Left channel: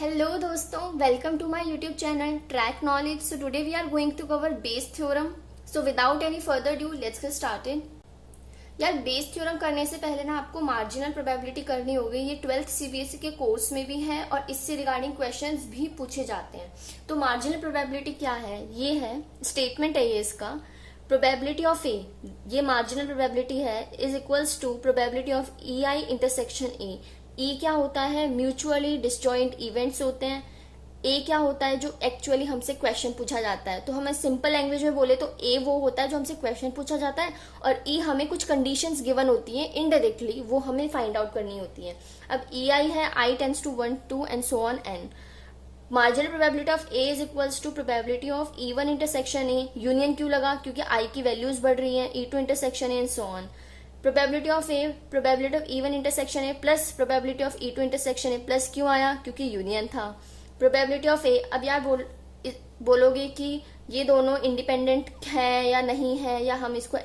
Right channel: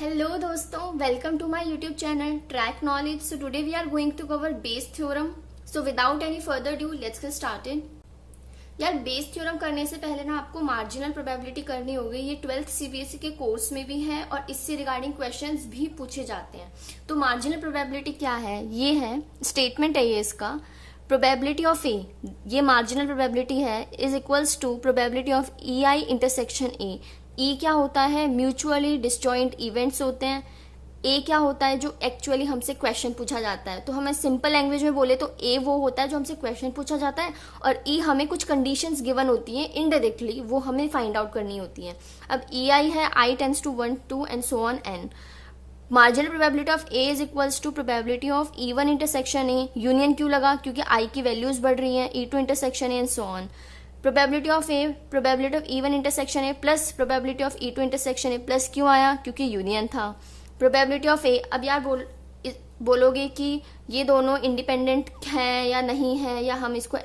Hello दोस्तों, welcome to my YouTube channel track knowledge. So today we are going to cover Bayes theorem. So without any further due let's get started. यार Bayes theorem करने से पहले ना आपको marginal probability करनी होगी। ये 12th सीबीएसई के कोर्स में भी है और इससे रिगार्डिंग क्वेश्चंस भी पूछे जाते हैं। तो मार्जिनल प्रोबेबिलिटी क्या है? ये है स्टेटमेंट है ये इसका, प्रोबेबिलिटी ऑफ ए, ये मार्जिनल प्रोबेबिलिटी है, is equals to probability of E I intersection A. E क्या होता है? म्यूचुअली डिसजॉइंट इवेंट्स होते हैं। ए क्या होता है? जो एक्चुअली हमसे क्वेश्चन पूछा जाता है। तो हमें सिंपल लैंग्वेज में बोले तो ए वो होता है जो हमसे क्वेश्चन पूछा जाता है, और ई हमें कुछ कंडीशंस गिवन होती हैं इनडायरेक्टली, वो हमें फाइंड आउट करनी होती है। अब ई आई है I tends to 1 2 and so on N. Marginal probability of A is equals to probability of E one intersection A. Union क्यों लगा? क्योंकि आई की वैल्यूज बढ़ रही हैं, E two intersection A and so on. Probability of A, probability of E one intersection A plus probability of E two intersection A plus क्यों आया? क्योंकि यूनियन था। प्रोबेबिलिटी ऑफ ए, अब यार बोलोगे कि ये दोनों इंडिपेंडेंट है या नहीं है, या हम इसको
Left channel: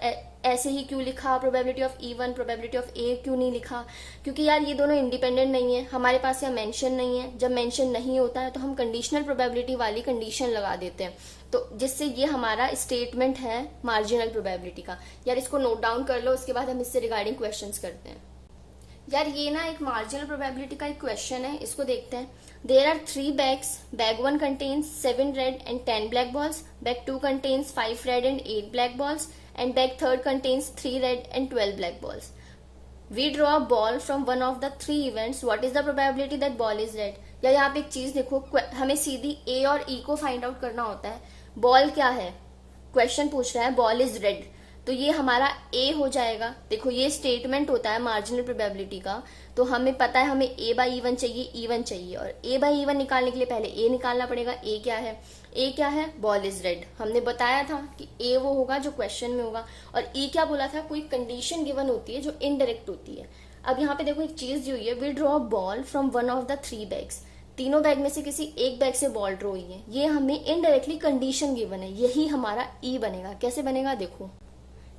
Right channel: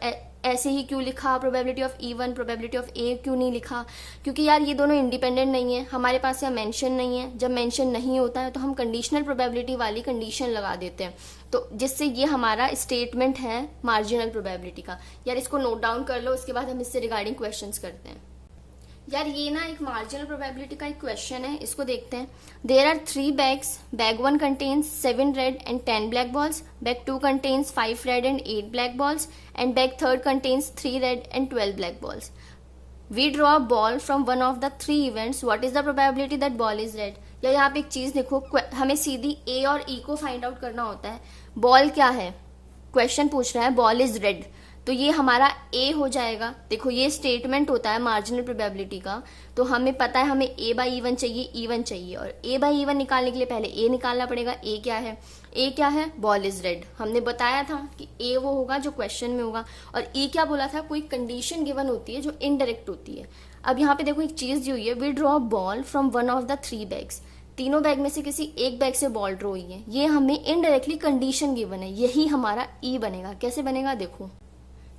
ऐसे ही क्यों लिखा? Probability of E one probability of A क्यों नहीं लिखा? क्योंकि यार ये दोनों इंडिपेंडेंट नहीं है, हमारे पास यहाँ मेंशन नहीं है। जब मेंशन नहीं होता है तो हम कंडीशनल प्रोबेबिलिटी वाली कंडीशन लगा देते हैं, तो जिससे ये हमारा स्टेटमेंट है मार्जिनल प्रोबेबिलिटी का। यार इसको नोट डाउन कर लो, उसके बाद हम इससे रिगार्डिंग क्वेश्चंस करते हैं। यार ये ना एक मार्जिनल प्रोबेबिलिटी का एक क्वेश्चन है, इसको देखते हैं। There are 3 bags, bag 1 contains 7 red and 10 black balls, bag 2 contains 5 red and 8 black balls, and bag 3 contains 3 red and 12 black balls. We draw a ball from one of the 3 events, what is the probability that ball is red? या यहाँ पे एक चीज देखो, हमें सीधी ए और ई को find out करना होता है। बॉल क्या है? क्वेश्चन पूछ रहा है बॉल इज रेड, तो ये हमारा ए हो जाएगा। देखो ये स्टेटमेंट होता है मार्जिनल प्रोबेबिलिटी का, तो हमें पता है हमें ए बाई ई वन चाहिए, ई वन चाहिए, और ए बाई ई वन निकालने के लिए पहले ए निकालना पड़ेगा। ए क्या है? ए क्या है? Ball is red. हमने बताया था कि ए वो होगा जो क्वेश्चन में होगा, और ई क्या बोला था? कोई कंडीशन गिवन होती है जो इनडायरेक्ट होती है। अब यहाँ पे देखो एक चीज दी हुई है, we draw ball from one of the 3 bags, तीनों बैग में से किसी एक बैग से बॉल ड्रॉ हुई है। ये हमें इनडायरेक्टली कंडीशन गिवन है, यही हमारा ई बनेगा। कैसे बनेगा देखो।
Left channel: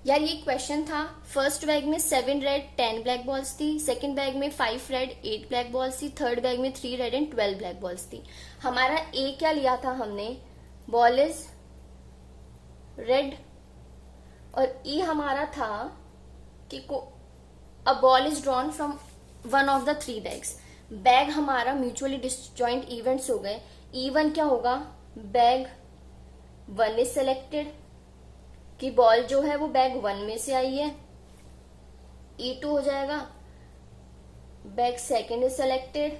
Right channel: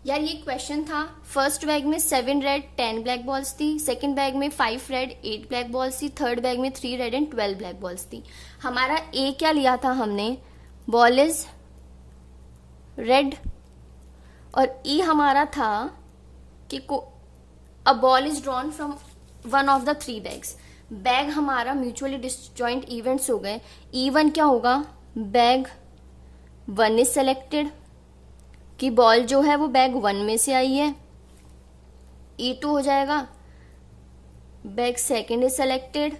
यार ये क्वेश्चन था, फर्स्ट बैग में 7 रेड 10 ब्लैक बॉल्स थी, सेकंड बैग में 5 रेड 8 ब्लैक बॉल्स थी, थर्ड बैग में 3 रेड एंड 12 ब्लैक बॉल्स थी। हमारा ए क्या लिया था हमने? बॉल इज रेड, और ई हमारा था कि a ball is drawn from one of the 3 bags. Bag हमारा म्यूचुअली डिसजॉइंट इवेंट्स हो गए। ई वन क्या होगा? बैग 1 इज सेलेक्टेड, कि बॉल जो है वो बैग 1 में से आई है। ई टू हो जाएगा bag 2 is selected,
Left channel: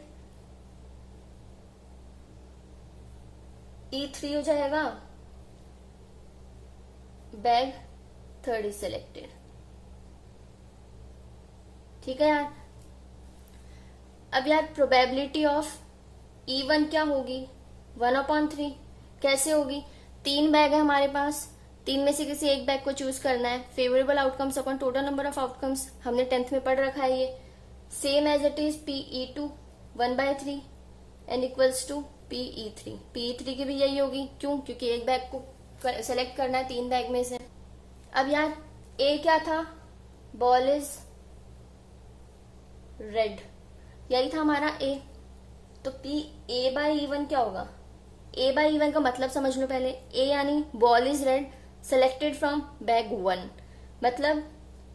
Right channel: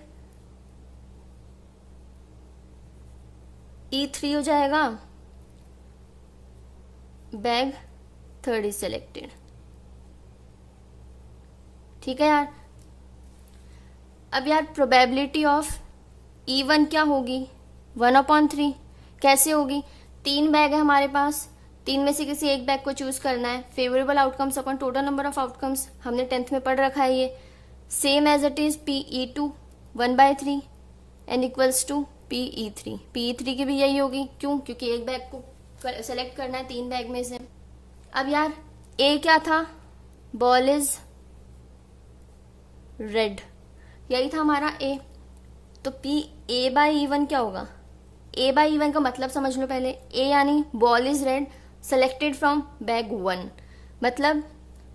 E three हो जाएगा बैग 3 इज सेलेक्टेड। ठीक है यार। अब यार प्रोबेबिलिटी ऑफ ई वन क्या होगी? 1/3। कैसे होगी? 3 बैग है हमारे पास, 3 में से किसी एक बैग को चूज करना है। Favourable outcomes upon total number of outcomes, हमने 10th में पढ़ रखा है ये। Same as it is P E two 1/3 and equals to P E three. P E three की भी यही होगी, क्यों? क्योंकि एक बैग को सेलेक्ट करना है 3 बैग में से। अब यार ए क्या था? बॉल इज रेड, यही था हमारा ए। तो P A by E one क्या होगा? ए बाई ई वन का मतलब समझ लो पहले। ए यानी ball is red selected from bag 1, मतलब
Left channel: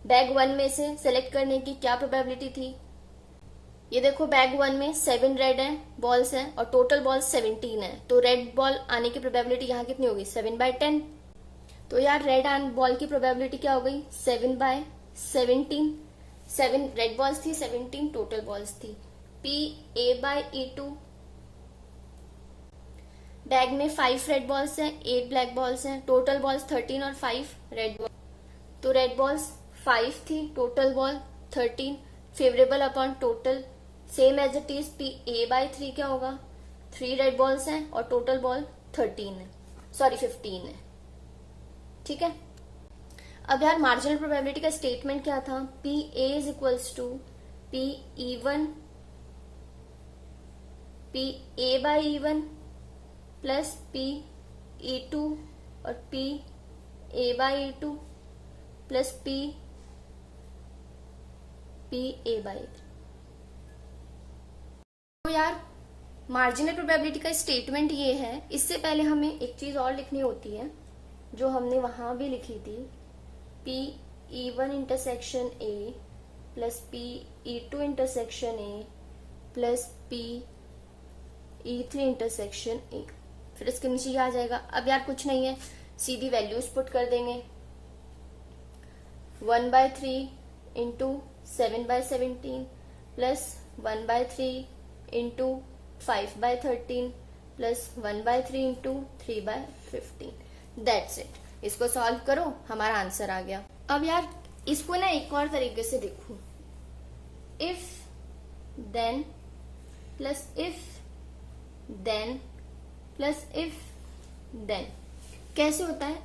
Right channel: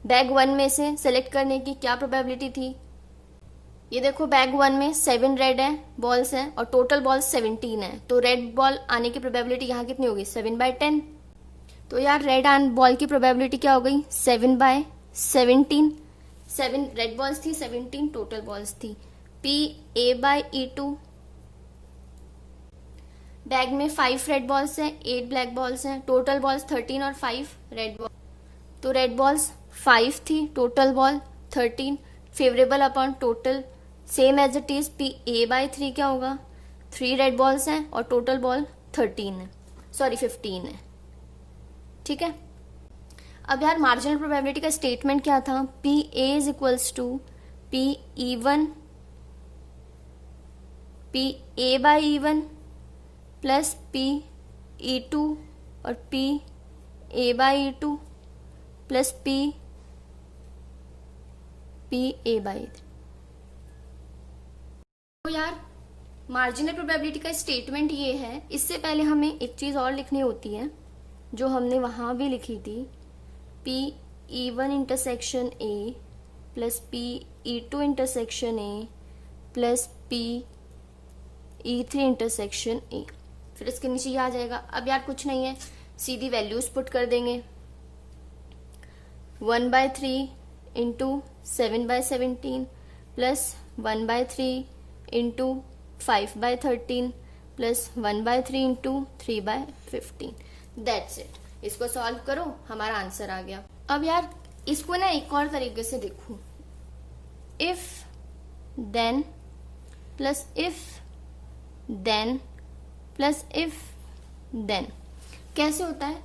बैग 1 में से सेलेक्ट करने की क्या प्रोबेबिलिटी थी? ये देखो बैग 1 में 7 रेड है बॉल्स हैं और टोटल बॉल्स 17 है, तो रेड बॉल आने की प्रोबेबिलिटी यहाँ कितनी होगी? 7/10। तो यार रेड बॉल की प्रोबेबिलिटी क्या हो गई? 7/17। 7 रेड बॉल्स थी, 17 टोटल बॉल्स थी। P A by E two, bag में 5 रेड बॉल्स हैं 8 ब्लैक बॉल्स हैं, टोटल बॉल्स 13 और 5 रेड बॉल, तो रेड बॉल्स 5 थी, total ball 13। Favourable upon total, same as it is P A by 3 क्या होगा? 3 रेड बॉल्स हैं और टोटल बॉल 13 है, सॉरी 15 है। ठीक है। अब यार मार्जिनल प्रोबेबिलिटी का स्टेटमेंट क्या था? P A is equals to P E one, P A by E one plus P E two और P A by E two plus P A by. तो यार मार्जिनल प्रोबेबिलिटी का statement ये है। इससे पहले हमें एक चीज और लिखनी होती है जो हमने वहां भी लिखी थी, P E1 intersection A plus P E2 intersection A plus P E3 intersection A. फिर इसके नीचे ये आ जाएगा। अब यार कुछ नहीं है, सीधी वैल्यूज पुट कर देंगे। 1/3 into 7/17 plus 1/3 into 5/13 plus 1/3 into 3/15। That's it. इसको सॉल्व करो, हमारा आंसर आ गया। अब यार इसको ना एक और तरीके से देखो, if then plus if then plus if then. कैसे होता है?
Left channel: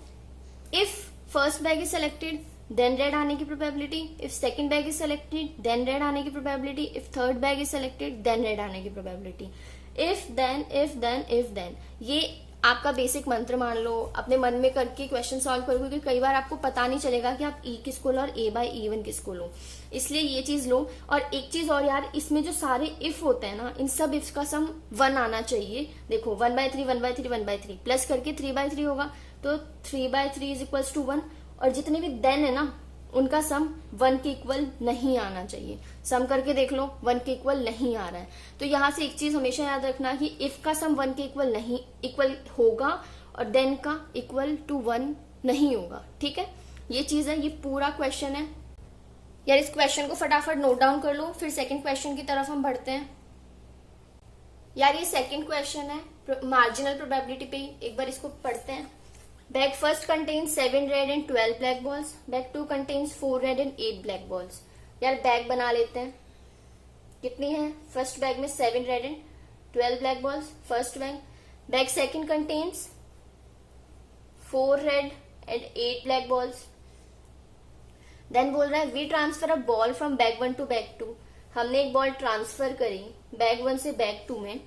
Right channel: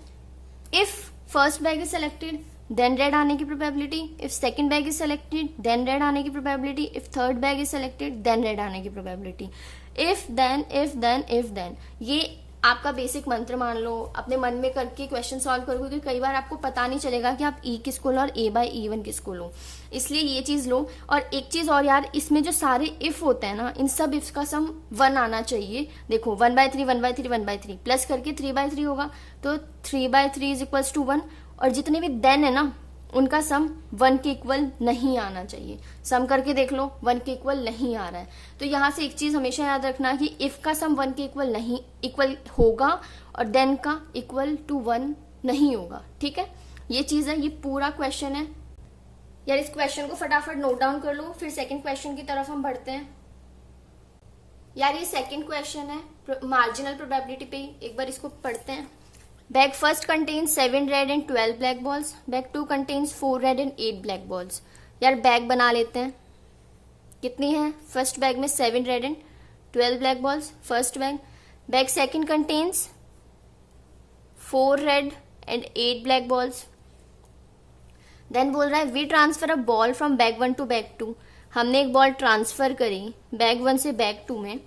If first bag is selected then red आने की probability, if second bag is selected then red आने की probability, if third bag is selected then red आने की probability. If then if then if then, ये आपका बेसिक मंत्र मान लो, अपने मन में करके क्वेश्चन सॉल्व करो, क्योंकि कई बार आपको पता नहीं चलेगा कि आप ई किसको लो और ए बाय E1 किसको लो, इसलिए ये चीज लो। और एक चीज और यार, इसमें जो सारे इफ होते हैं ना, इन सब इफ का सम 1 आना चाहिए। देखो 1/3 1/3 1/3 प्लस करके 3/3 होगा, तो 3/3 इज इक्वल्स टू 1। और जितने भी देन है ना, उनका सम 1 के इक्वल नहीं आना चाहिए। सम करके देख लो, 1 के इक्वल नहीं आ रहा है। तो यहां से एक चीज हमेशा याद रखना कि इफ का सम 1 के इक्वल नहीं इक्वल होगा और देन का इक्वल टू 1 नहीं होगा। ठीक है, ये चीज है, ये पूरा क्वेश्चन है। यार इस क्वेश्चन को फटाफट नोट डाउन कर लो, फिर सेकंड क्वेश्चन की तरफ हम बढ़ते हैं। यार ये सेकंड क्वेश्चन है मार्जिनल प्रोबेबिलिटी पे, एक बार इसको पढ़ते हैं। Bag first contains 7 red and 12 black balls. Bag 2 contains 4 red and 8 black balls. यार बैग बना लेते हैं। कितनी है? फर्स्ट बैग में 7 red and 12 black balls, first bag. Bag second contains 4 red and 8 black balls. Then बोल रहा है we transfer a ball from bag 1 to bag 2। हमने एक बॉल ट्रांसफर करी बैग 1 से बैग 2 में।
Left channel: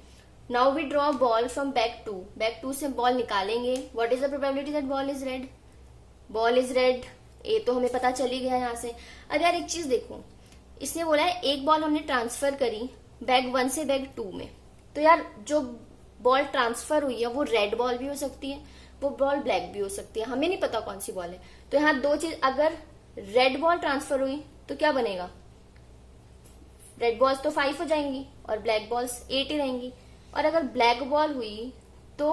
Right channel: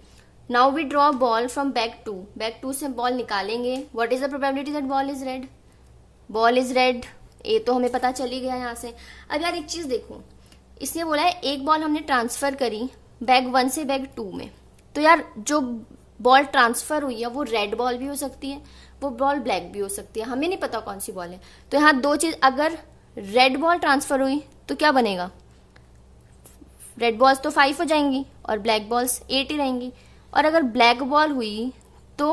Now we draw ball from bag 2। Bag 2 से ball निकालेंगे। What is the probability that ball is red? Ball is red, A तो हमें पता चल ही गया यहां से। अब यार एक चीज देखो, इसने बोला है एक बॉल हमने ट्रांसफर करी बैग 1 से बैग 2 में, तो यार जो बॉल ट्रांसफर हुई है वो रेड बॉल भी हो सकती है, वो बॉल ब्लैक भी हो सकती है, हमें नहीं पता कौन सी बॉल है। तो यहाँ दो चीज, अगर रेड बॉल ट्रांसफर हुई तो क्या बनेगा? रेड बॉल्स तो 5 हो जाएंगी और ब्लैक बॉल्स 8 ही रहेंगी। और अगर ब्लैक बॉल हुई तो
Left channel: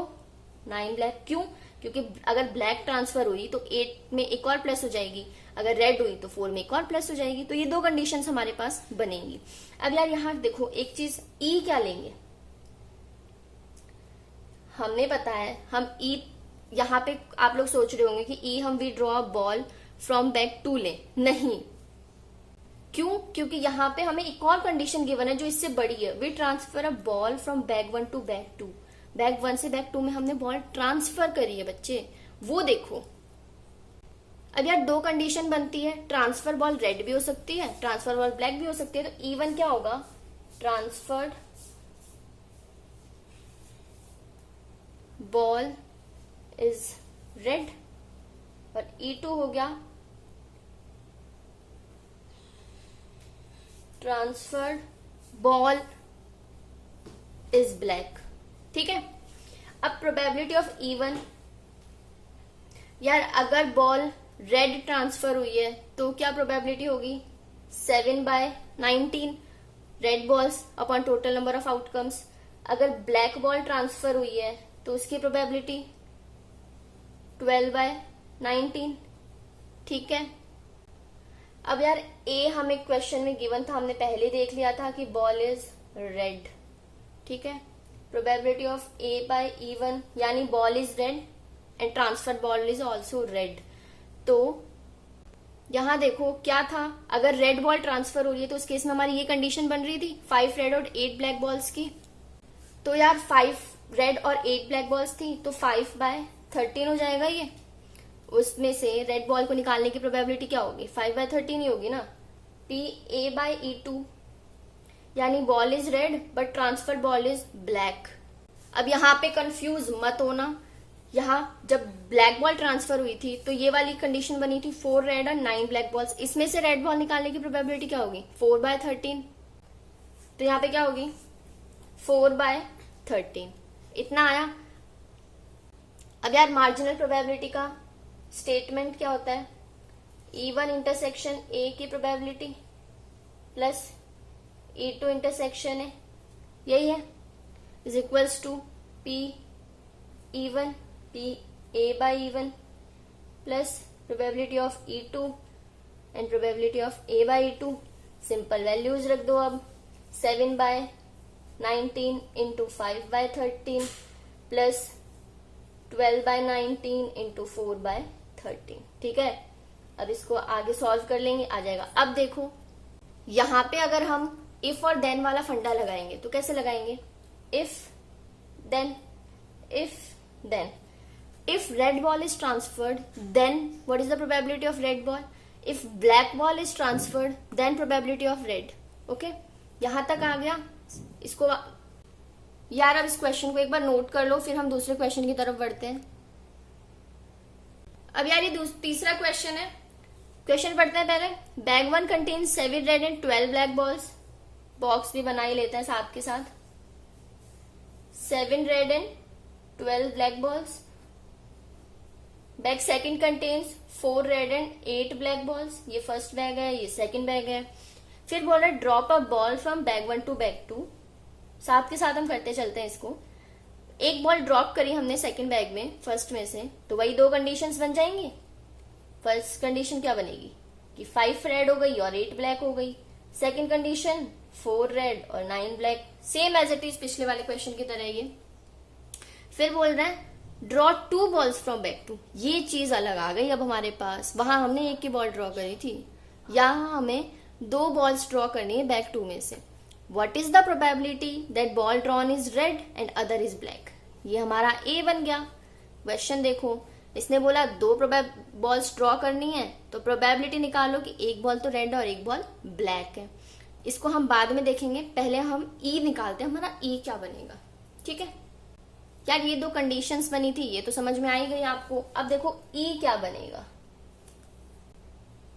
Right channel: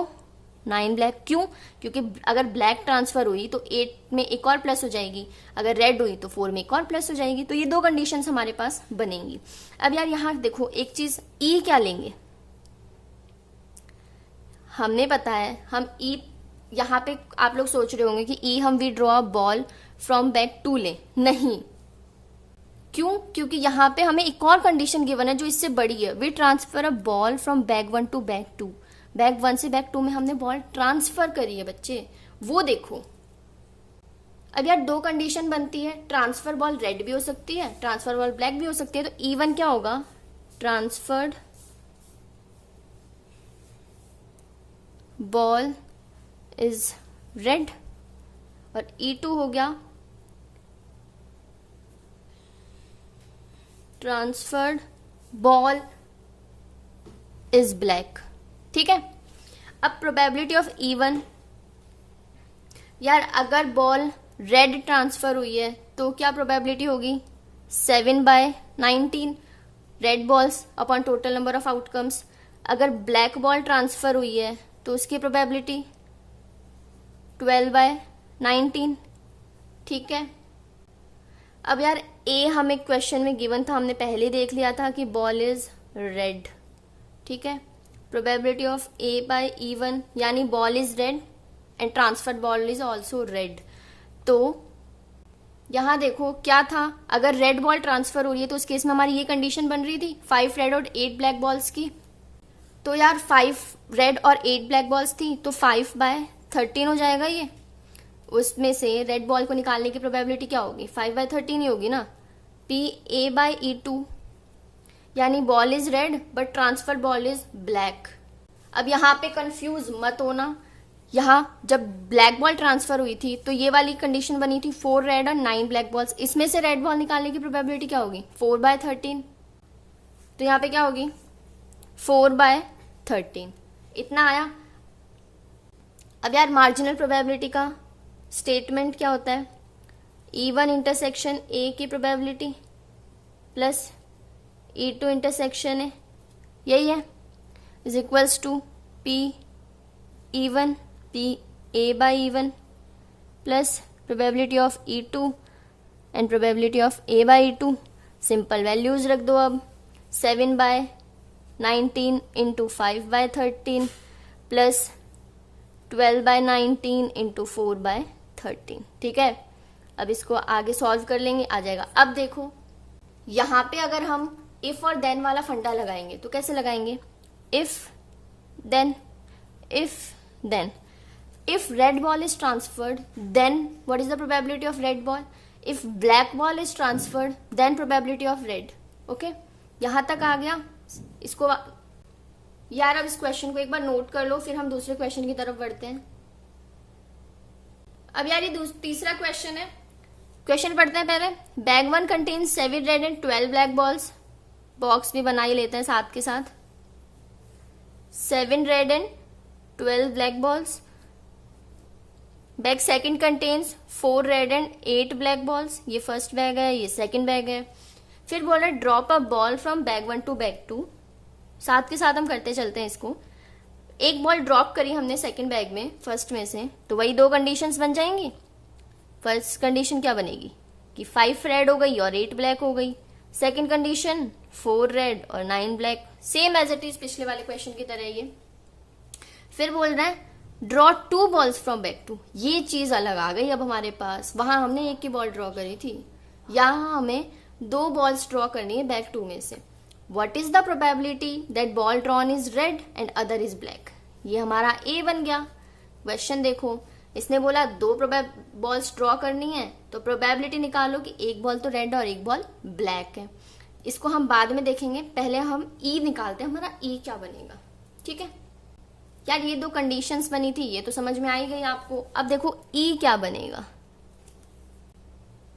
9 ब्लैक। क्यों? क्योंकि अगर ब्लैक ट्रांसफर हुई तो 8 में एक और प्लस हो जाएगी, अगर रेड हुई तो 4 में एक और प्लस हो जाएगी। तो ये दो कंडीशन हमारे पास बनेंगी। अब यार यहां देखो एक चीज, ई क्या लेंगे? हमने पता है हम ई, यहाँ पे आप लोग सोच रहे होंगे कि ई हम we draw ball from bag 2 ले, नहीं। क्यों? क्योंकि यहाँ पे हमें एक और कंडीशन गिवन है जो इससे बड़ी है। We transfer a ball from bag 1 to bag 2। Bag 1 से बैग 2 में हमने बॉल ट्रांसफर करी है बच्चे, वो देखो। अब यार दो कंडीशन बनती है, ट्रांसफर बॉल रेड भी हो सकती है, ट्रांसफर बॉल ब्लैक भी हो सकती है। तो E1 क्या होगा? ट्रांसफर्ड बॉल इज रेड, और E2 हो गया ट्रांसफर्ड बॉल इज ब्लैक। ठीक है, अब प्रोबेबिलिटी ऑफ E1, यार अगर बॉल रेड ट्रांसफर हुई है तो क्या प्रोबेबिलिटी होगी? 7/19 red balls upon total number of outcomes. अगर ब्लैक बॉल ट्रांसफर हुई है तो उसकी प्रोबेबिलिटी 12/19। ठीक है, अब यार ए हमें क्वेश्चन में गिवन था, हमने पहले देख लिया था कि बॉल इज रेड। ठीक है, probability of A bye E1 यानी ball is red and transfer ball is also red. तो यहां देखो क्या था, अगर रेड बॉल ट्रांसफर हो रही है तो उस केस में हमारी ये कंडीशन बन रही थी 5 रेड और 8 ब्लैक बॉल्स की। तो यार 5 रेड और 8 ब्लैक बॉल्स थी, तो 5/13 हो जाएगा ये। उसमें से रेड बॉल को निकालने की प्रोबेबिलिटी क्या होगी? 5/13 ही होगी ना। पी ए बाय E2 यानी ball is red but transfer ball is black. अब यहाँ पे कंफ्यूज मत होना, यहाँ जब ब्लैक बॉल ट्रांसफर हुई थी तो ये वाली कंडीशन बनी थी 4 रेड और 9 ब्लैक बॉल्स। इसमें से रेड बॉल निकालने की प्रोबेबिलिटी क्या होगी? 4/13। तो यहाँ पे क्या होगी? 4/13 13। इतना आया। अब यार मार्जिनल प्रोबेबिलिटी का स्टेटमेंट क्या होता है? E1 इंटरसेक्शन ए की probability plus E2 intersection A, यही है, is equals to P E1 P A by E1 plus probability of E2 and probability of A by E2। Simple values रख दो अब, 7/19 इंटू 5/13 प्लस 12/19 इंटू 4/13। ठीक है, अब इसको आगे सॉल्व कर लेंगे, आ जाएगा। अब देखो यहां पे अगर हम इफ और देन वाला फंडा लगाएंगे तो कैसे लगाएंगे? If then if red ball is transferred then what is the probability of red ball? if black ball is transferred then probability of red। Okay, यहां तक आ गया। इसको यार अब इस क्वेश्चन को एक बार नोट कर लो, फिर हम दूसरे क्वेश्चन की तरफ बढ़ते हैं। अब यार ये तीसरा क्वेश्चन है। क्वेश्चन पढ़ते हैं पहले। Bag 1 contains 7 red and 12 black balls. Box भी बना ही लेते हैं साथ के साथ। 7 red and 12 black balls. Bag second contains 4 red and 8 black balls. ये फर्स्ट बैग है, ये सेकंड बैग है। फिर बोल रहे drop a ball from bag 1 to bag 2। साथ के साथ हम करते चलते हैं इसको। एक बॉल ड्रॉप करी हमने सेकंड बैग में, फर्स्ट में से, तो वही 2 कंडीशंस बन जाएंगी। फर्स्ट कंडीशन क्या बनेगी कि 5 रेड हो गई और 8 ब्लैक हो गई। सेकंड कंडीशन 4 रेड और 9 black, same as it is पिछले वाले क्वेश्चन की तरह ये। फिर बोल रहे हैं ड्रॉ 2 बॉल्स फ्रॉम बैग 2। ये चीज अलग आ गई अब हमारे पास। वहां हमने एक की बॉल ड्रॉ करी थी, यहां हमें 2 बॉल्स ड्रॉ करनी है बैग 2 में से। What is the probability that ball drawn is red and other is black? ये हमारा ए बन गया। क्वेश्चन देखो, इसने बोला 2 बॉल्स ड्रॉ करनी है, तो प्रोबेबिलिटी निकालो कि एक बॉल तो रेड और एक बॉल ब्लैक है। इसको हम बाद में देखेंगे, पहले हम ई निकालते हैं, हमारा ई क्या बनेगा। ठीक है यार, ये 2 कंडीशंस बनी थी, ये तो समझ में आई गई आपको। अब देखो ई क्या बनेगा।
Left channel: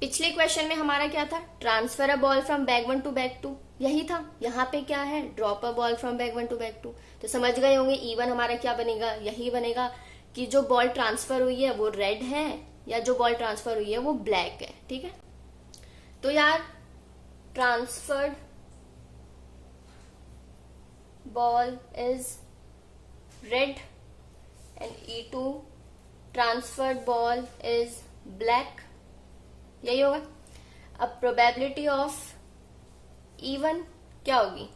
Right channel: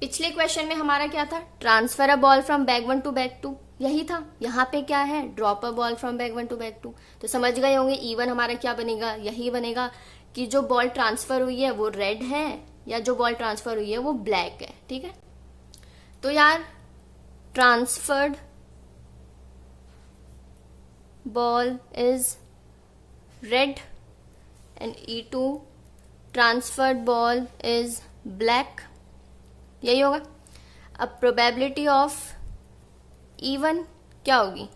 पिछले क्वेश्चन में हमारा क्या था? Transfer a ball from bag 1 to bag 2, यही था। यहाँ पे क्या है? Drop a ball from bag 1 to bag 2। तो समझ गए होंगे E1 हमारा क्या बनेगा, यही बनेगा कि जो बॉल ट्रांसफर हुई है वो रेड है या जो बॉल ट्रांसफर हुई है वो ब्लैक है। ठीक है, तो यार transferred ball is red and E2 transferred ball is black, यही होगा। अब प्रोबेबिलिटी ऑफ E1 क्या होगी?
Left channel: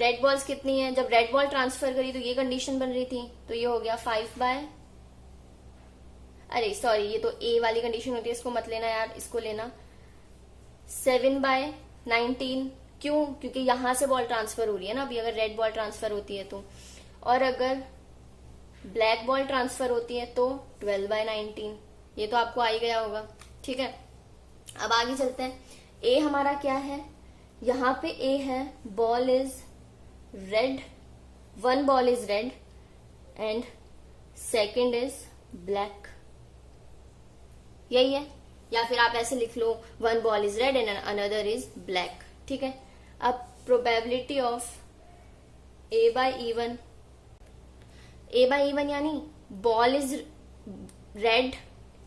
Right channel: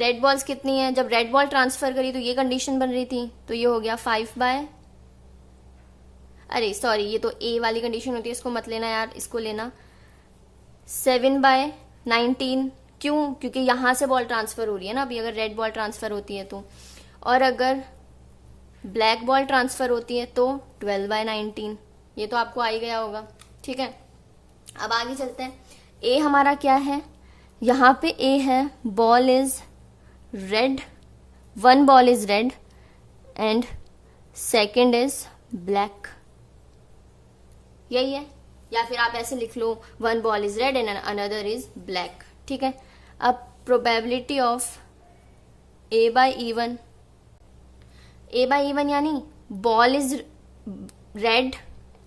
रेड बॉल्स कितनी है? जब रेड बॉल ट्रांसफर करी तो ये कंडीशन बन रही थी, तो ये हो गया 5 अरे सॉरी, ये तो ए वाली कंडीशन होती है, इसको मत लेना यार, इसको लेना 7/19। क्यों? क्योंकि यहां से बॉल ट्रांसफर हो रही है ना अभी, अगर रेड बॉल ट्रांसफर होती है तो। और अगर ब्लैक बॉल ट्रांसफर होती है तो 12/19। ये तो आपको आ ही गया होगा। ठीक है, अब आगे चलते हैं। ए हमारा क्या है? यहां पे ए है ball is red, 1 ball is red and second is black, यही है। या फिर आप ऐसे लिख लो 1 ball is red and another is black. ठीक है, अब probability of A by E1, A by E1 यानी ball is red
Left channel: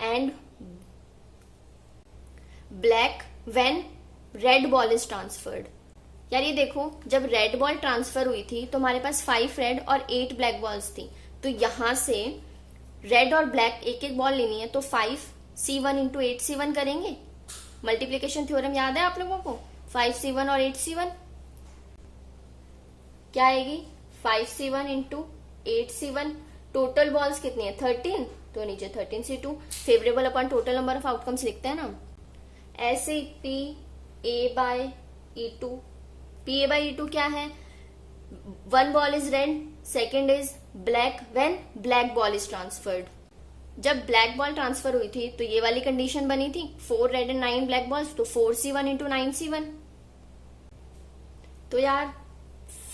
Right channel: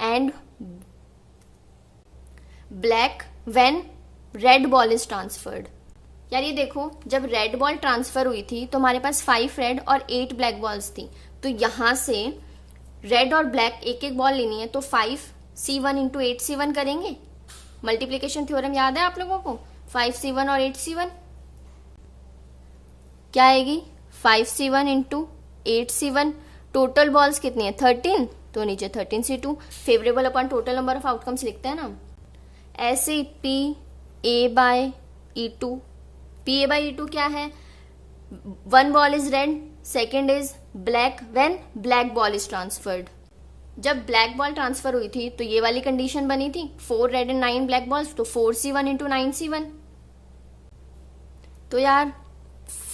and black when red ball is transferred. यार ये देखो, जब रेड बॉल ट्रांसफर हुई थी तो हमारे पास 5 रेड और 8 ब्लैक बॉल्स थी, तो यहां से रेड और ब्लैक एक एक बॉल लेनी है, तो 5C1 इंटू 8C1 करेंगे। मल्टीप्लीकेशन थ्योरम याद है आप लोगों को? 5C1 और 8C1 क्या आएगी? 5C1 into 8C1। Total balls कितनी है? 13, तो नीचे 13C2। Favourable upon total number of outcomes लिखते हैं ना, ऐसे P A by E2। P A by E2 क्या है? 1 ball is red, second is black when black ball is transferred. जब ब्लैक बॉल ट्रांसफर हुई थी तो ये वाली कंडीशन बनी थी, 4 रेड एंड 9 ब्लैक बॉल्स, तो 4C1 इंटू 9C1। तो यार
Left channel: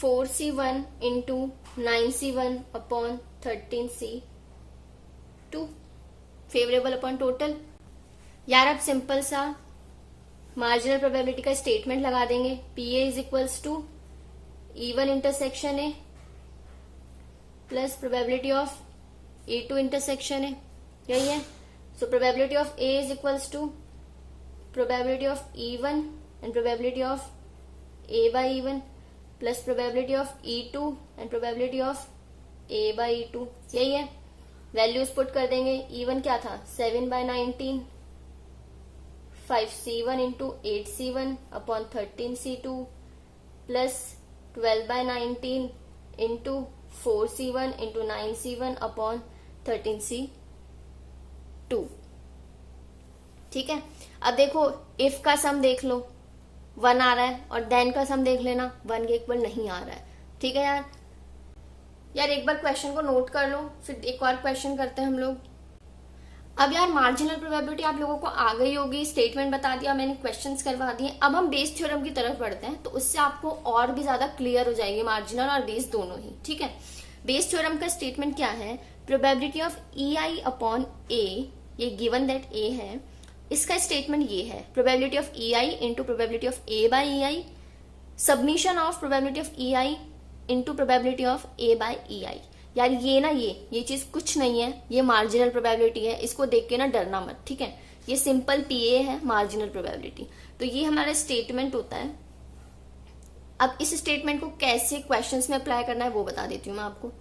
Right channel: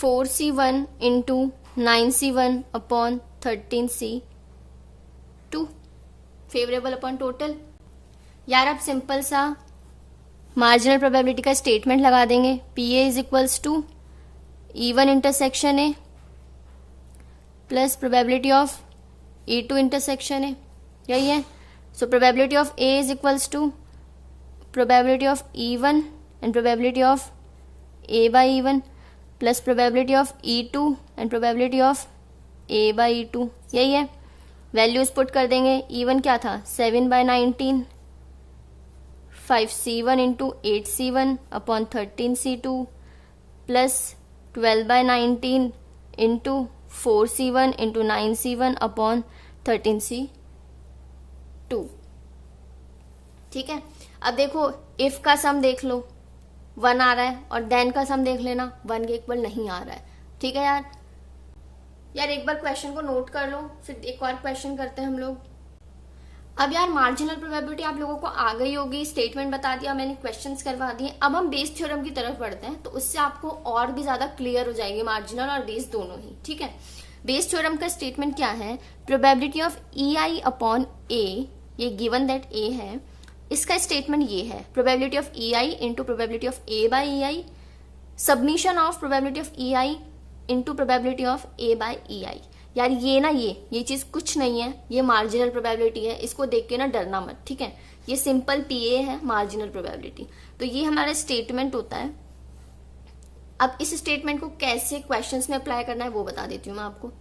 4C1 into 9C1 upon 13C2 favourable upon total. यार अब सिंपल सा मार्जिनल प्रोबेबिलिटी का स्टेटमेंट लगा देंगे। P A is equals to E1 intersection A plus probability of E2 intersection है, यही है. So probability of A is equals to probability of E1 and probability of A by E1 plus probability of E2 and probability of A by E2, यही है. Values put कर देंगे. E1 क्या था 7/19, 5C1 into 8C1 upon 13C2 plus 12/19 into 4C1 into 9C1 upon 13C2. ठीक है. अब देखो इफ का सम देख लो 1 आ रहा है और देन का सम देख लेना 1 के इक्वल नहीं आ रहा है. ठीक है यार एक बार क्वेश्चन को नोट कर लो, फिर एक और क्वेश्चन करते हैं हम लोग. अब यार मार्जिनल प्रोबेबिलिटी आप लोगों को आ गई होगी, स्टेटमेंट बता दिया मैंने, क्वेश्चंस करवा दिए. अब हम बेस थ्योरम की तरफ बढ़ते हैं, तो उससे आपको और भी ज्यादा क्लियर हो जाएगी मार्जिनल और बेस दोनों ही. ठीक है. बेस थ्योरम का स्टेटमेंट क्या है, probability of EI upon A, ये गिवन दैट A है, इसका स्टेटमेंट ये है probability of EI into probability of A by EI submission of probability of EI into probability of A by EI. यार ये ना ये चीज कुछ नहीं है, ये मार्जिनल प्रोबेबिलिटी है, इसको देख के ना डरना मत. ठीक है. ये सिंपल PA है, मार्जिनल प्रोबेबिलिटी. तो ये हमारा स्टेटमेंट होता है. अब इस स्टेटमेंट को कैसे क्वेश्चंस में अप्लाई करना है वो बता देती हूँ मैं आपको.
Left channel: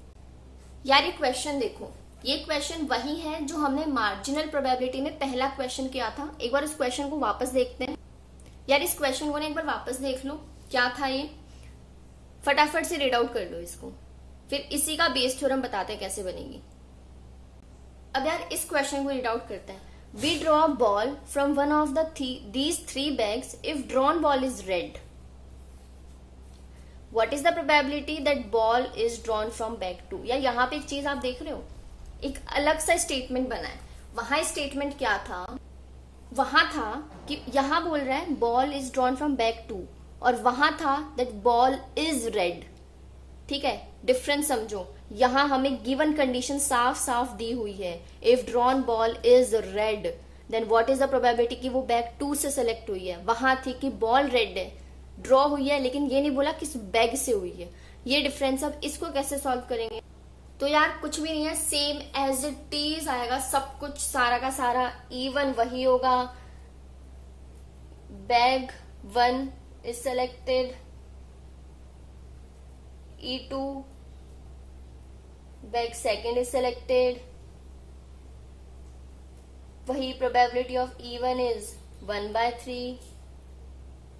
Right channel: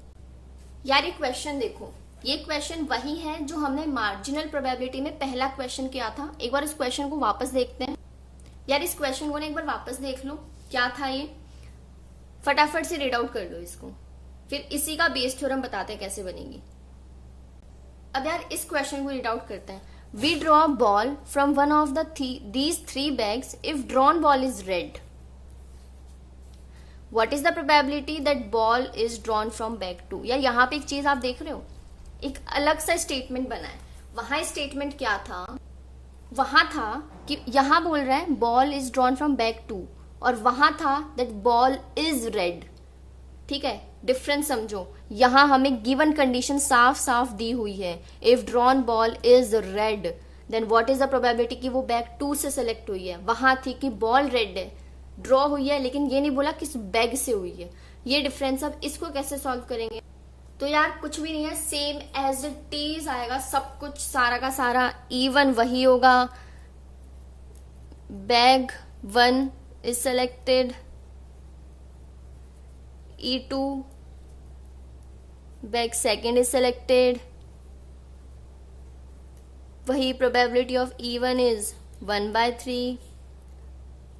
यार ये क्वेश्चन देखो, ये क्वेश्चन वही है जो हमने मार्जिनल प्रोबेबिलिटी में पहला क्वेश्चन किया था. एक बार इस क्वेश्चन को वापस देखते हैं. यार इस क्वेश्चन को ना एक बार वापस देख लो, क्या था ये, फटाफट से रीड आउट कर लो इसको, फिर इसी का बेस थ्योरम बताते हैं कैसे बनेगी. अब यार इस क्वेश्चन को रीड आउट करते हैं. We draw ball from one of these 3 bags if drawn ball is red. What is the probability that ball is drawn from bag 2. यार यहाँ पे एक चीज आप देख रहे हो, एक अलग सा स्टेटमेंट बना है. वहां स्टेटमेंट क्या था, वहां था कि यहां बोल रहा है ball is drawn from bag 2 और वहां था दैट बॉल इज रेड. ठीक है. डिफरेंस समझो. यहां हमें गिवन कंडीशन साफ साफ दी हुई है, if drawn ball is red then what is the probability कि वो बैग 2 से सेलेक्ट हुई है. वहां थी कि बॉल रेड है, ड्रॉ हुई है, लेकिन ये नहीं बोला किस बैग से हुई है. ये डिफरेंस. अब इसको कैसे सॉल्व करेंगे, तो यार कुछ भी नहीं है, सेम एज इट इज आएगा सब कुछ, सारा का सारा. E1 वही होगा, bag 1 is selected, E2 bag 2 is selected, वही प्रोबेबिलिटी ऑफ E1 इज 1/3.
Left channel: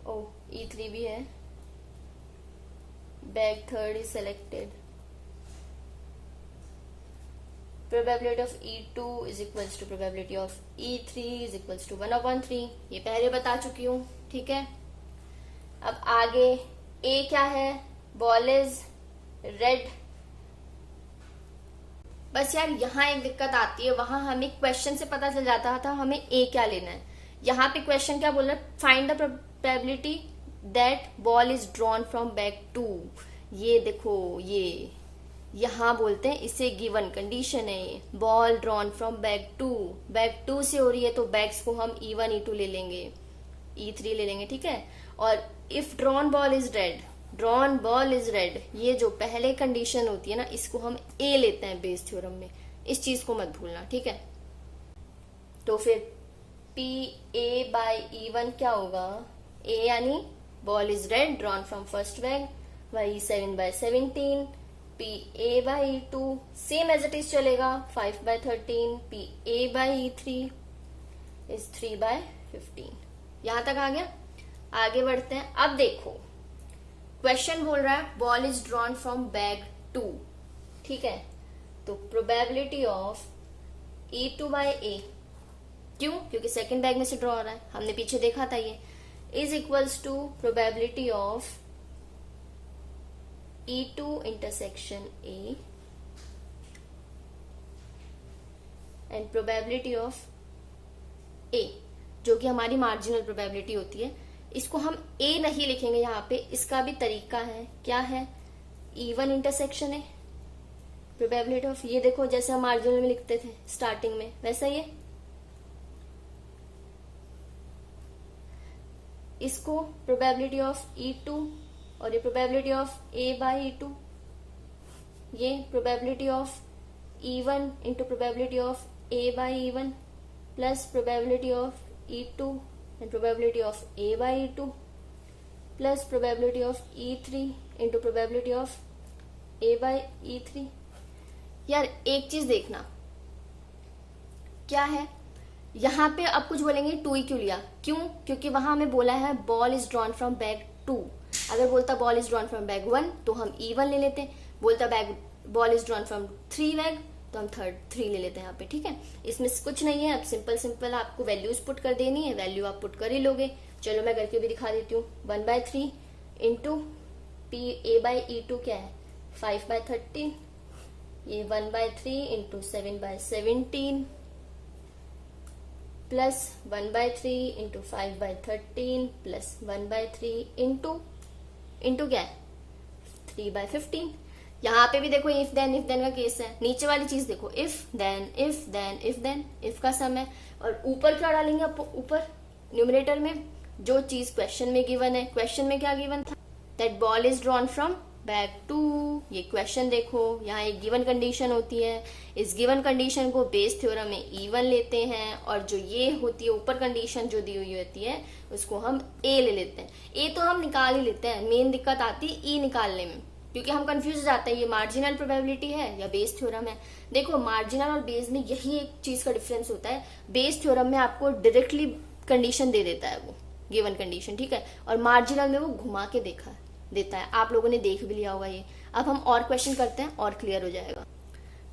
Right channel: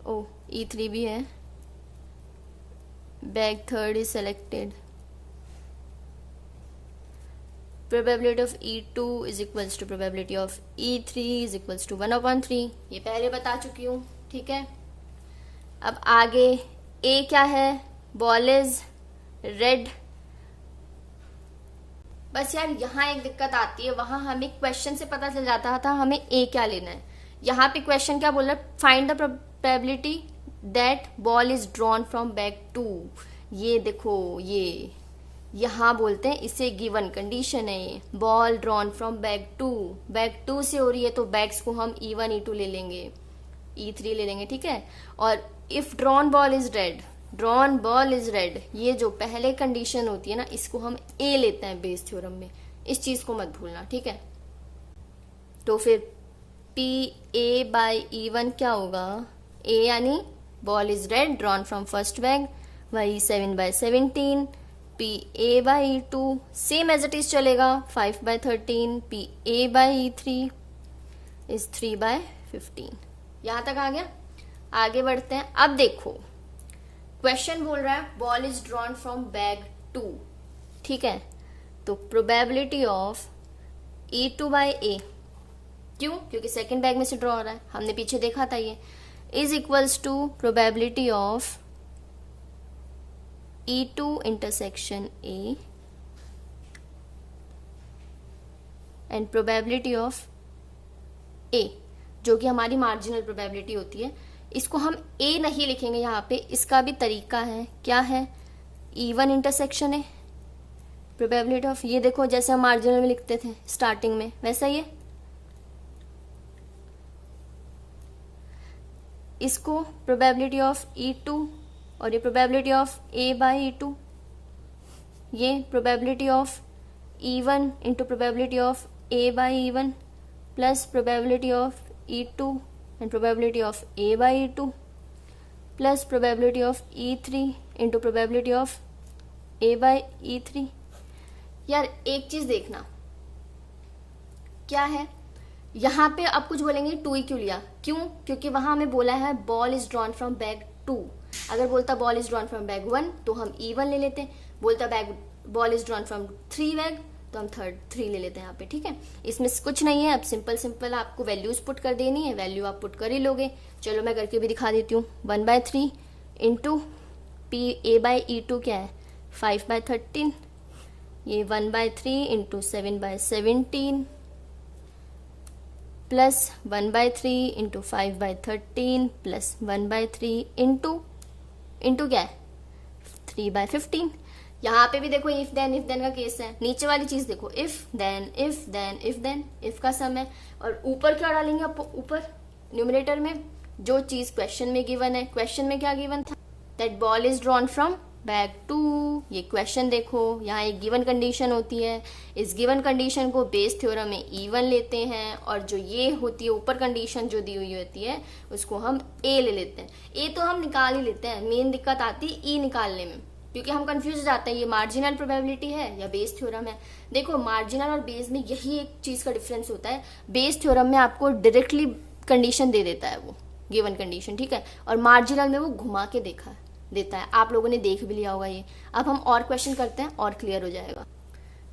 ओ E3 भी है, bag 3 is selected, probability of E2 is equals to probability of E3 is equals to 1/3. ये पहले बता चुकी हूं. ठीक है. अब आगे A क्या है, बॉल इज रेड. बस यार यहाँ एक दिक्कत आती है, वहां हमें क्वेश्चन से पता चल जाता था हमें A क्या लेना है. यहाँ पे क्वेश्चन क्या बोल रहा है, find the probability that ball is drawn from bag 2. ये देखो, ये यहां बोलते हैं इसे गिवन कंडीशन है, ball drawn from bag 2. Bag 2 से हो रही है तो बैग्स को हम E1 E2 ले लेंगे, E3 ले लेंगे. ठीक है. और if drawn ball is red, drawn ball is red, ये जो पहले कंडीशन होती है ना, इसको हम A लेते हैं बेस थ्योरम में. इस चीज को मत भूलना. ठीक है. तो फिर PA बाई E1 क्या होगा, A यानी ball is red drawn from first bag, वही 7/17. PA by E2 same as it is चलेगा, 5/13. PA by E3 is 3/15. यहां तक आ गया. आगे बढ़ते हैं. अब देखो क्वेश्चन बोल रहा है ball is drawn from bag 2. ठीक है. तो probability of E2 by A, क्यों, क्योंकि सेकेंड बैग में से ड्रॉ हो रहा है, हमने पीछे देखा था ये, is equals to probability of E2 intersection A and probability of A, जो कि हमारी मार्जिनल प्रोबेबिलिटी होती है. इसको हम A नहीं लिखेंगे यहाँ पे, इसका भी तरीका है. क्या है, E1 इंटरसेक्शन है, प्रोबेबिलिटी ऑफ, ये देखो जैसे हम मार्जिनल में लिखते थे स्टार्टिंग में, वैसा ही है. इसको प्रोबेबिलिटी ऑफ E2 और ये probability of A by E2. ये probability of E1 into probability of A by E1 plus probability of E2 and probability of A by E2 plus probability of E3 into probability of A by E3। यार एक चीज देखना क्या है, यहाँ पे अब कुछ बोलेंगे 2 क्यों लिया, क्यों, क्योंकि वहां हमें बोला है ball is drawn from bag 2। अगर बोलता ball is drawn from bag 1 तो हम E1 ले लेते, बोलता ball is drawn from 3 bag तो हम 3 ले लेते हैं यहाँ पे, ठीक है। इसमें कुछ नहीं है, अब सिंपल आपको वैल्यूज पुट कर देनी है, वैल्यू आप पुट कर ही लोगे। चलो मैं करके भी दिखा देती हूँ। 1/3 इंटू A बाई E2 क्या है 5/13, ये 1/3 into 7/17 plus 1/3 into 5/13 plus 1/3 into क्या है 3/15। यहाँ पे भी देखो इफ देन का केस है। नीचे वाली चीज देखो इफ देन इफ का सम है, और ऊपर क्या डालेंगे आप, ऊपर न्यूमरेटर में जो चीज क्वेश्चन में गिवन है। क्वेश्चन में क्या गिवन था, that ball is drawn from bag 2। ये क्वेश्चन देखो, यहाँ एक गिवन कंडीशन होती है, इस गिवन कंडीशन को बेस थ्योरम में E1 लेते हैं, और जो ये होती है ऊपर कंडीशन जो दी हुई होती है उसको हम A ले लेते हैं। A तो हम निकाल ही लेते हैं, मेन दिक्कत आती है E निकालने में, क्योंकि हम कंफ्यूज हो जाते हैं ये मार्जिनल प्रोबेबिलिटी है या बेस थ्योरम है। देखो मार्जिनल और बेस में यही एक चीज का डिफरेंस होता है, बेस थ्योरम में आपको डायरेक्टली कंडीशन दे देता है वो गिवन कंडीशन, ठीक है, और मार्जिनल में वो घुमा के देता है। आप लोगों ने देख भी लिया होगा ये। अब हम और क्वेश्चन करते हैं और क्लियर हो जाएगा।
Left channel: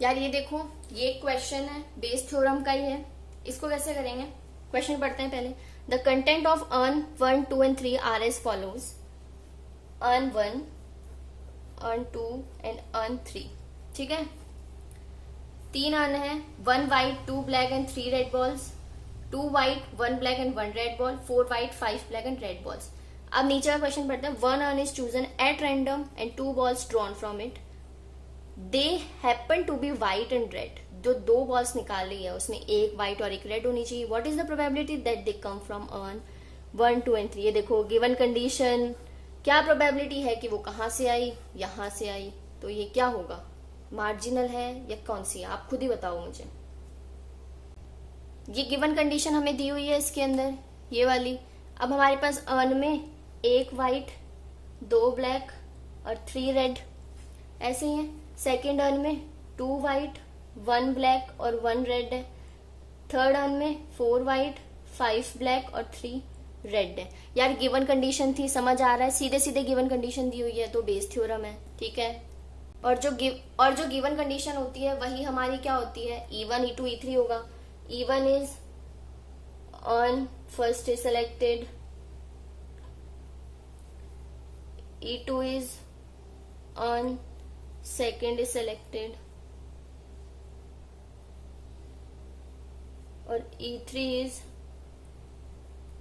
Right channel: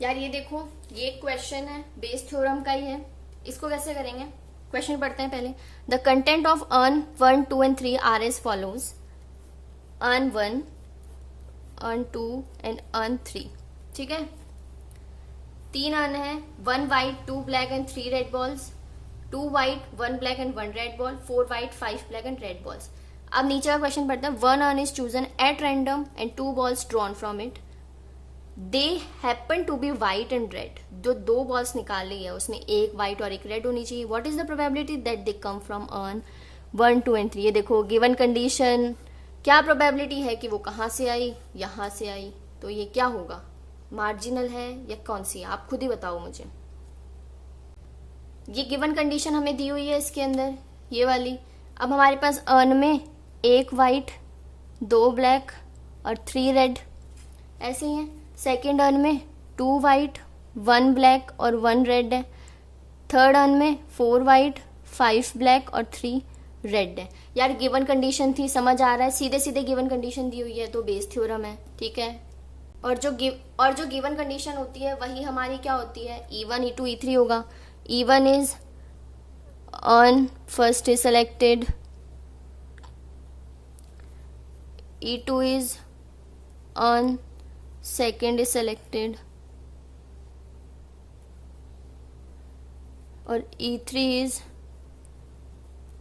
यार ये देखो, ये क्वेश्चन है बेस थ्योरम का ही है, इसको कैसे करेंगे, क्वेश्चन पढ़ते हैं पहले। The content of urn 1, 2 and 3 are as follows. Urn 1, urn 2 and urn 3, ठीक है। 3 अर्न है, 1 white 2 black and 3 red balls, 2 white 1 black and 1 red ball, 4 white 5 black and red balls. अब नीचे का क्वेश्चन पढ़ते हैं। 1 urn is chosen at random and 2 balls drawn from it, they happen to be white and red. जो 2 balls निकाली है उसमें एक व्हाइट और एक रेड होनी चाहिए। What is the probability that they come from earn 1, 2 and 3। ये देखो गिवन कंडीशन, क्या प्रोबेबिलिटी है कि वो कहां से आई, यहां से आई, तो ये क्या होगा, मार्जिनल है या कौन सी है, आप खुद ही बताओ मुझे। ये गिवन कंडीशन हमें दी हुई है इसके अंदर, ये वाली। अब हमारे पास अर्न में 1 व्हाइट 2 ब्लैक और 3 रेड ऐसे ही है। सेकेंड अर्न में 2 व्हाइट 1 ब्लैक और 1 रेड है। थर्ड अर्न में 4 व्हाइट 5 ब्लैक और 3 रेड है। यार गिवन कंडीशन थी, समझ आ रहा है, सीधे सीधे गिवन कंडीशन दी हुई है तो बेस थ्योरम है, ठीक है। और जो गिवन कंडीशन होती है वही हमारी क्या होती है, E1 E2 E3 होगा। E1 is earn first is selected, E2 is on second is selected और E3 is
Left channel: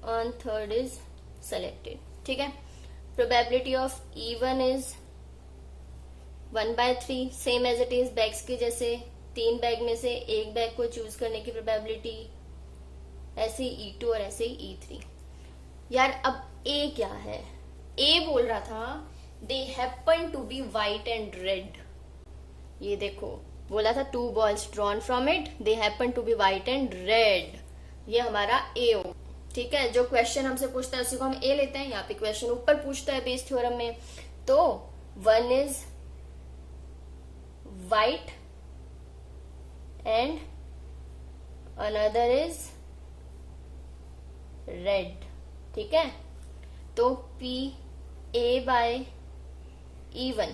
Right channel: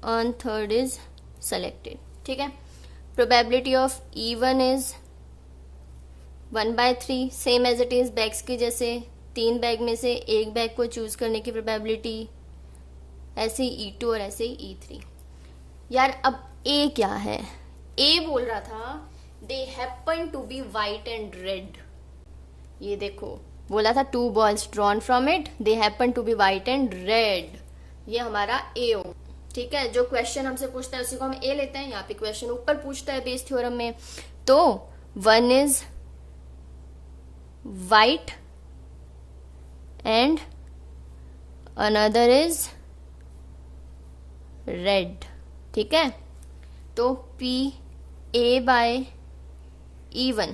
on third is selected, ठीक है। Probability of E1 is 1/3, same as it is bags की जैसे, 3 बैग में से एक bag को चूज करने की प्रोबेबिलिटी, ऐसे ही E2 और ऐसे ही E3। यार अब A क्या है, ए बोल रहा था they happen to be white and red. ये देखो बोला था 2 balls drawn from it, they happen to be white and red, ये हमारा ए हो, ठीक है। जो क्वेश्चन हमसे पूछता है उसी को हम ए लेते हैं। यहाँ पे क्वेश्चन ऊपर पूछता है बेस थ्योरम में, तो 1 is white and another is red, ठीक है। तो पी A बाय E1,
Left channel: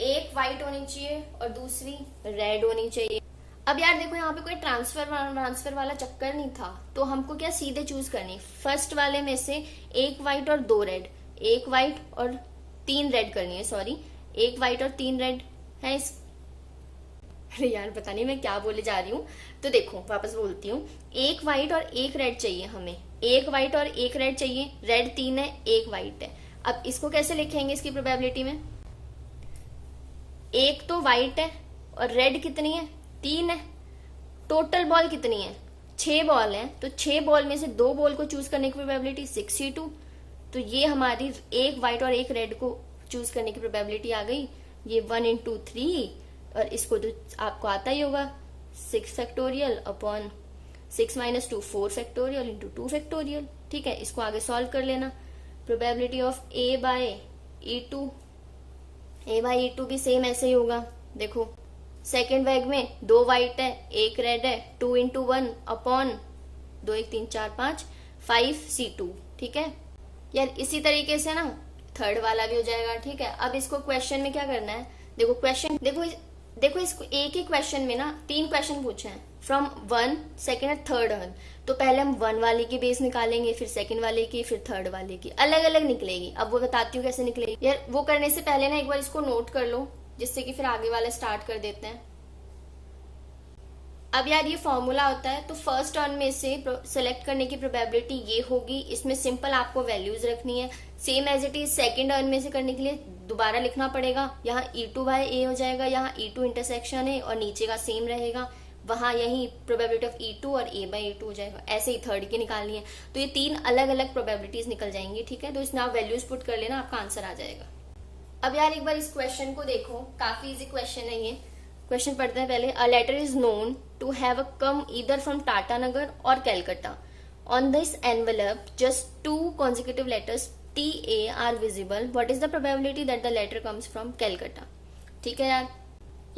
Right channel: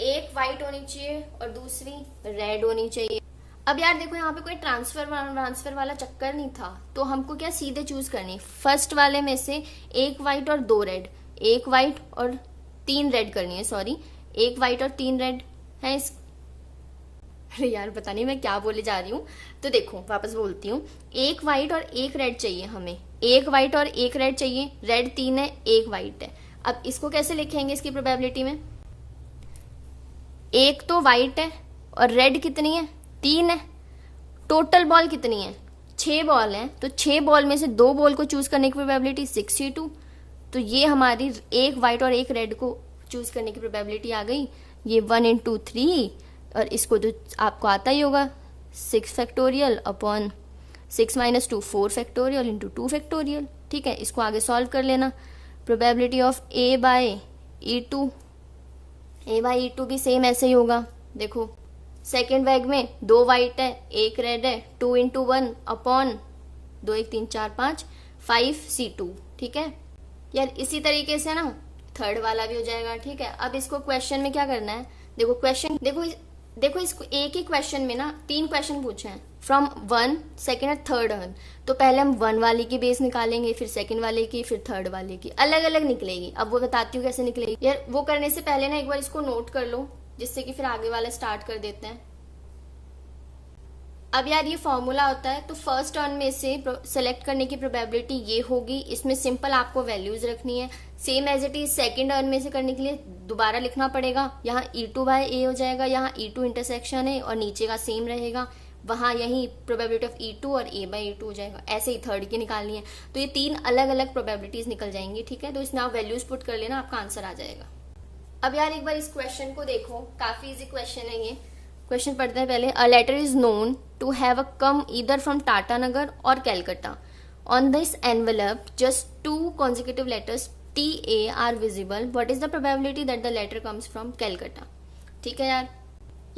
एक व्हाइट होनी चाहिए और दूसरी रेड होनी चाहिए। अब यार देखो यहाँ पे कोई ट्रांसफर वाला चक्कर नहीं था, तो हमको क्या सीधे चूज करनी, फर्स्ट वाले में से एक व्हाइट और 2 रेड, एक व्हाइट और 3 रेड करनी है, सॉरी एक व्हाइट और 3 रेड है इस यार पता नहीं मैं क्या बोले जा रही हूँ। तो देखो वापस बोलती हूँ, एक व्हाइट और एक रेड चाहिए हमें, एक व्हाइट और एक रेड चाहिए, रेड 3 है एक व्हाइट है। अब इसको कैसे लिखेंगे इसकी प्रोबेबिलिटी में, एक तो व्हाइट है और रेड कितनी है 3 है, टोटल बॉल कितनी है 6 बॉल है, तो 6 बॉल में से 2 बॉल को चूज करने की प्रोबेबिलिटी 62, तो ये हमारी एक व्हाइट और एक रेड को चूज करने की प्रोबेबिलिटी आ गई ये 1 इंटू 3, और इसको तो आपको आता ही होगा 6 factorial upon 6 minus 2 4 factorial into 2 factorial. ठीक है, इसको आगे सॉल्व कर लेना। Probability of A by E2, A by E2 भी सेम ऐसे ही होगा। देखो सेकेंड बैग में 2 वाइट है 1 रेड है, 2 इंटू 1 अपॉन 2 1 3 4 5 5C2। ठीक है यार, इसी तरीके से ना थर्ड वाला भी हो जाएगा। ठीक है, अब इसको क्वेश्चन में क्या करना है, देखो क्वेश्चन देखो इसको एक ही क्वेश्चन में ना 3 क्वेश्चन पूछे हैं, फ्रॉम 1 सेकेंड और थर्ड। तो पहले हम 1 वाले की बेस निकालेंगे, फिर सेकंड वाले की, फिर थर्ड वाले की, अलग अलग निकलेगी। अब वो बताती हूँ कैसे निकलेगी यार। वो करने से पहले ना एक बार इसको नोट कर लो, जिससे कि फिर आगे वाला स्टार्ट कर देते हैं। अब यार ये फॉर्मूला होता है, तो फर्स्ट टर्म में से सेलेक्ट करने की प्रोबेबिलिटी ये होगी। इसमें सिंपल आपको वैल्यूज रखनी है, same as it is. Second term में से करने के लिए दोबारा लिखना पड़ेगा, यहाँ E2 बाय ए हो जाएगा, यहाँ E2 इंटरसेक्शन है और नीचे का सेम रहेगा, वहां यही प्रोबेबिलिटी ऑफ E2 और A बाय E2 हो जाएगा। ऐसे ही थर्ड की निकालनी है, तो ये 3 अलग अलग प्रोबेबिलिटीज निकल जाएंगी। ठीक है, तो इसमें आप वैल्यूज पुट कर लेना, आपका आंसर आ जाएगा। अब यार एक बार इस क्वेश्चन को देखो, काफी इजी क्वेश्चन है ये। क्वेश्चन पढ़ते हैं पहले। A letter is known to have a come either from Tatanagar or Calcutta. On this envelope just 2 consecutive letters TA are visible. What is the probability that the letter comes from Calcutta? ठीक है यार,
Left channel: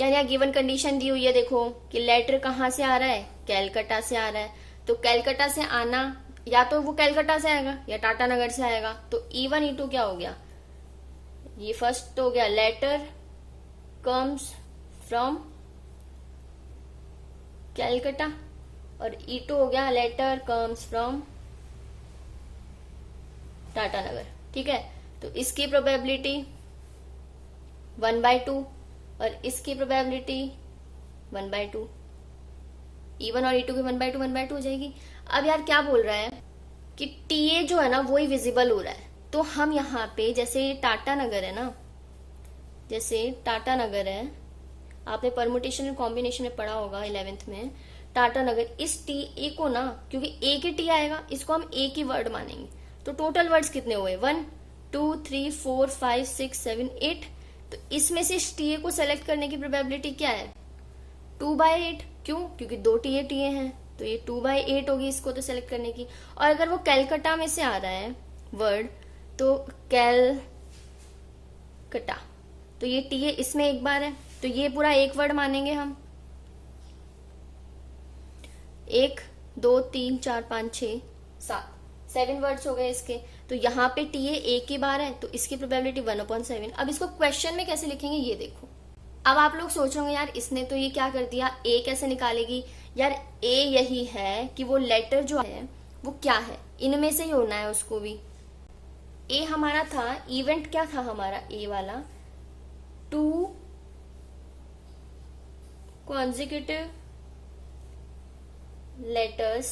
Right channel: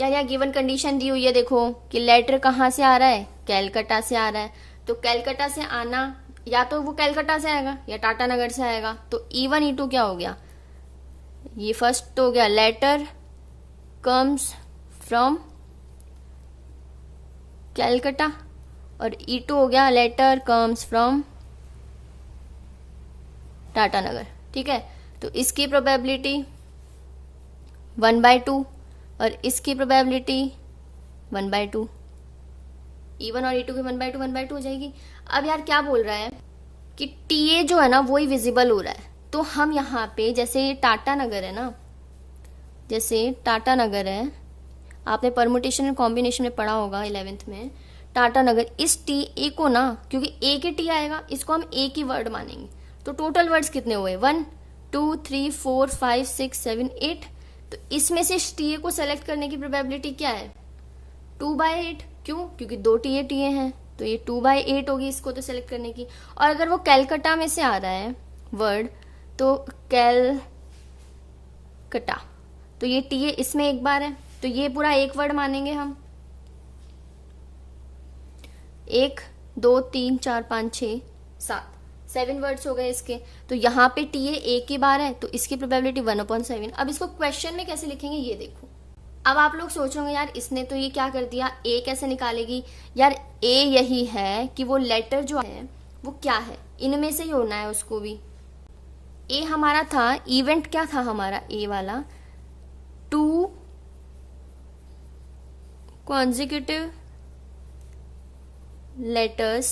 यहाँ given condition दी हुई है, देखो कि letter कहाँ से आ रहा है, कैलकाटा से आ रहा है। तो कैलकाटा से आना, या तो वो कैलकाटा से आएगा या टाटानगर से आएगा। तो E1 E2 क्या हो गया, ये फर्स्ट तो हो गया लेटर कम्स फ्रॉम कैलकाटा, और E2 हो गया लेटर कम्स फ्रॉम टाटानगर। ठीक है, तो इसकी प्रोबेबिलिटी 1/2 और इसकी प्रोबेबिलिटी 1/2। E1 और E2 की 1/2 हो जाएगी। अब यार क्या बोल रहा है कि TA जो है ना वही विजिबल हो रहा है। तो हम यहाँ पे जैसे टाटानगर है ना, जैसे टाटानगर है, आपने परमुटेशन एंड कॉम्बिनेशन में पढ़ा होगा 11th में। टाटानगर, इस TA को ना, क्योंकि एक ही T आएगा, इसको हम एक ही वर्ड मानेंगे। तो टोटल वर्ड्स कितने हुए, 1 2 3 4 5 6 7 8। तो इसमें से TA को सेलेक्ट करने की प्रोबेबिलिटी क्या है, 2/8। क्यों, क्योंकि 2 TA हैं, तो ये 2/8 होगी इसको तो सेलेक्ट करने की। और अगर वो कैलकाटा में से आ रहा है वर्ड, तो कैलकाटा, तो ये TA इसमें एक बार है, तो ये पूरा एक वर्ड मानेंगे हम। 1 2 3 4 5 6 7 वर्ड्स हो गए इसके। तो यहाँ पे TA एक ही बार है, तो इसकी प्रोबेबिलिटी 1/7। अब इसको क्वेश्चन में कैसे लिखेंगे ये देखो। अब आप लोग सोचोगे यार इसने तो ये क्या कर दिया, A कैसे निकालेगी। यार A यही है कि वो लेटर जो है वो क्या है, इनमें से ही होना है उसको भी। A हमारा था, इवेंट क्या था हमारा A वाला, 2 consecutive letters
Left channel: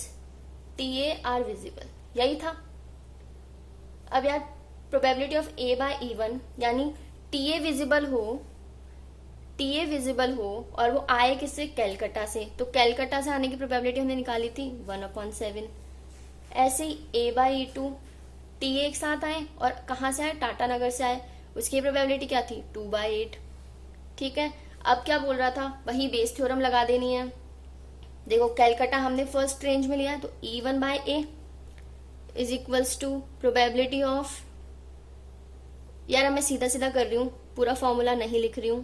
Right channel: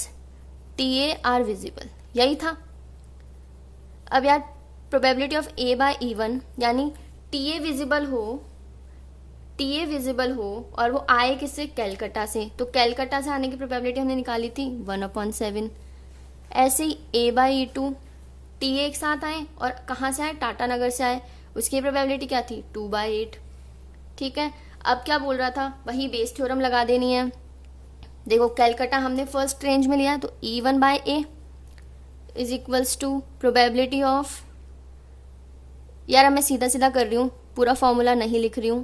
TA are visible, यही था। अब यार probability of A bye E1, यानी TA विजिबल हो और वो आए किससे, कैलकाटा से। तो कैलकाटा से आने की प्रोबेबिलिटी हमने निकाली थी 1/7। ऐसे ही A बाय E2, TA एक साथ आए और कहाँ से आए, टाटानगर से आए, उसकी प्रोबेबिलिटी क्या थी, 2/8। ठीक है, अब क्या बोल रहा था, वही बेस थ्योरम लगा देनी है। देखो कैलकाटा हमने फर्स्ट रेंज में लिया, तो E1 by A is equals to probability of, यार मैं सीधा सीधा कर रही हूँ, पूरा फॉर्मूला नहीं लिख रही हूँ,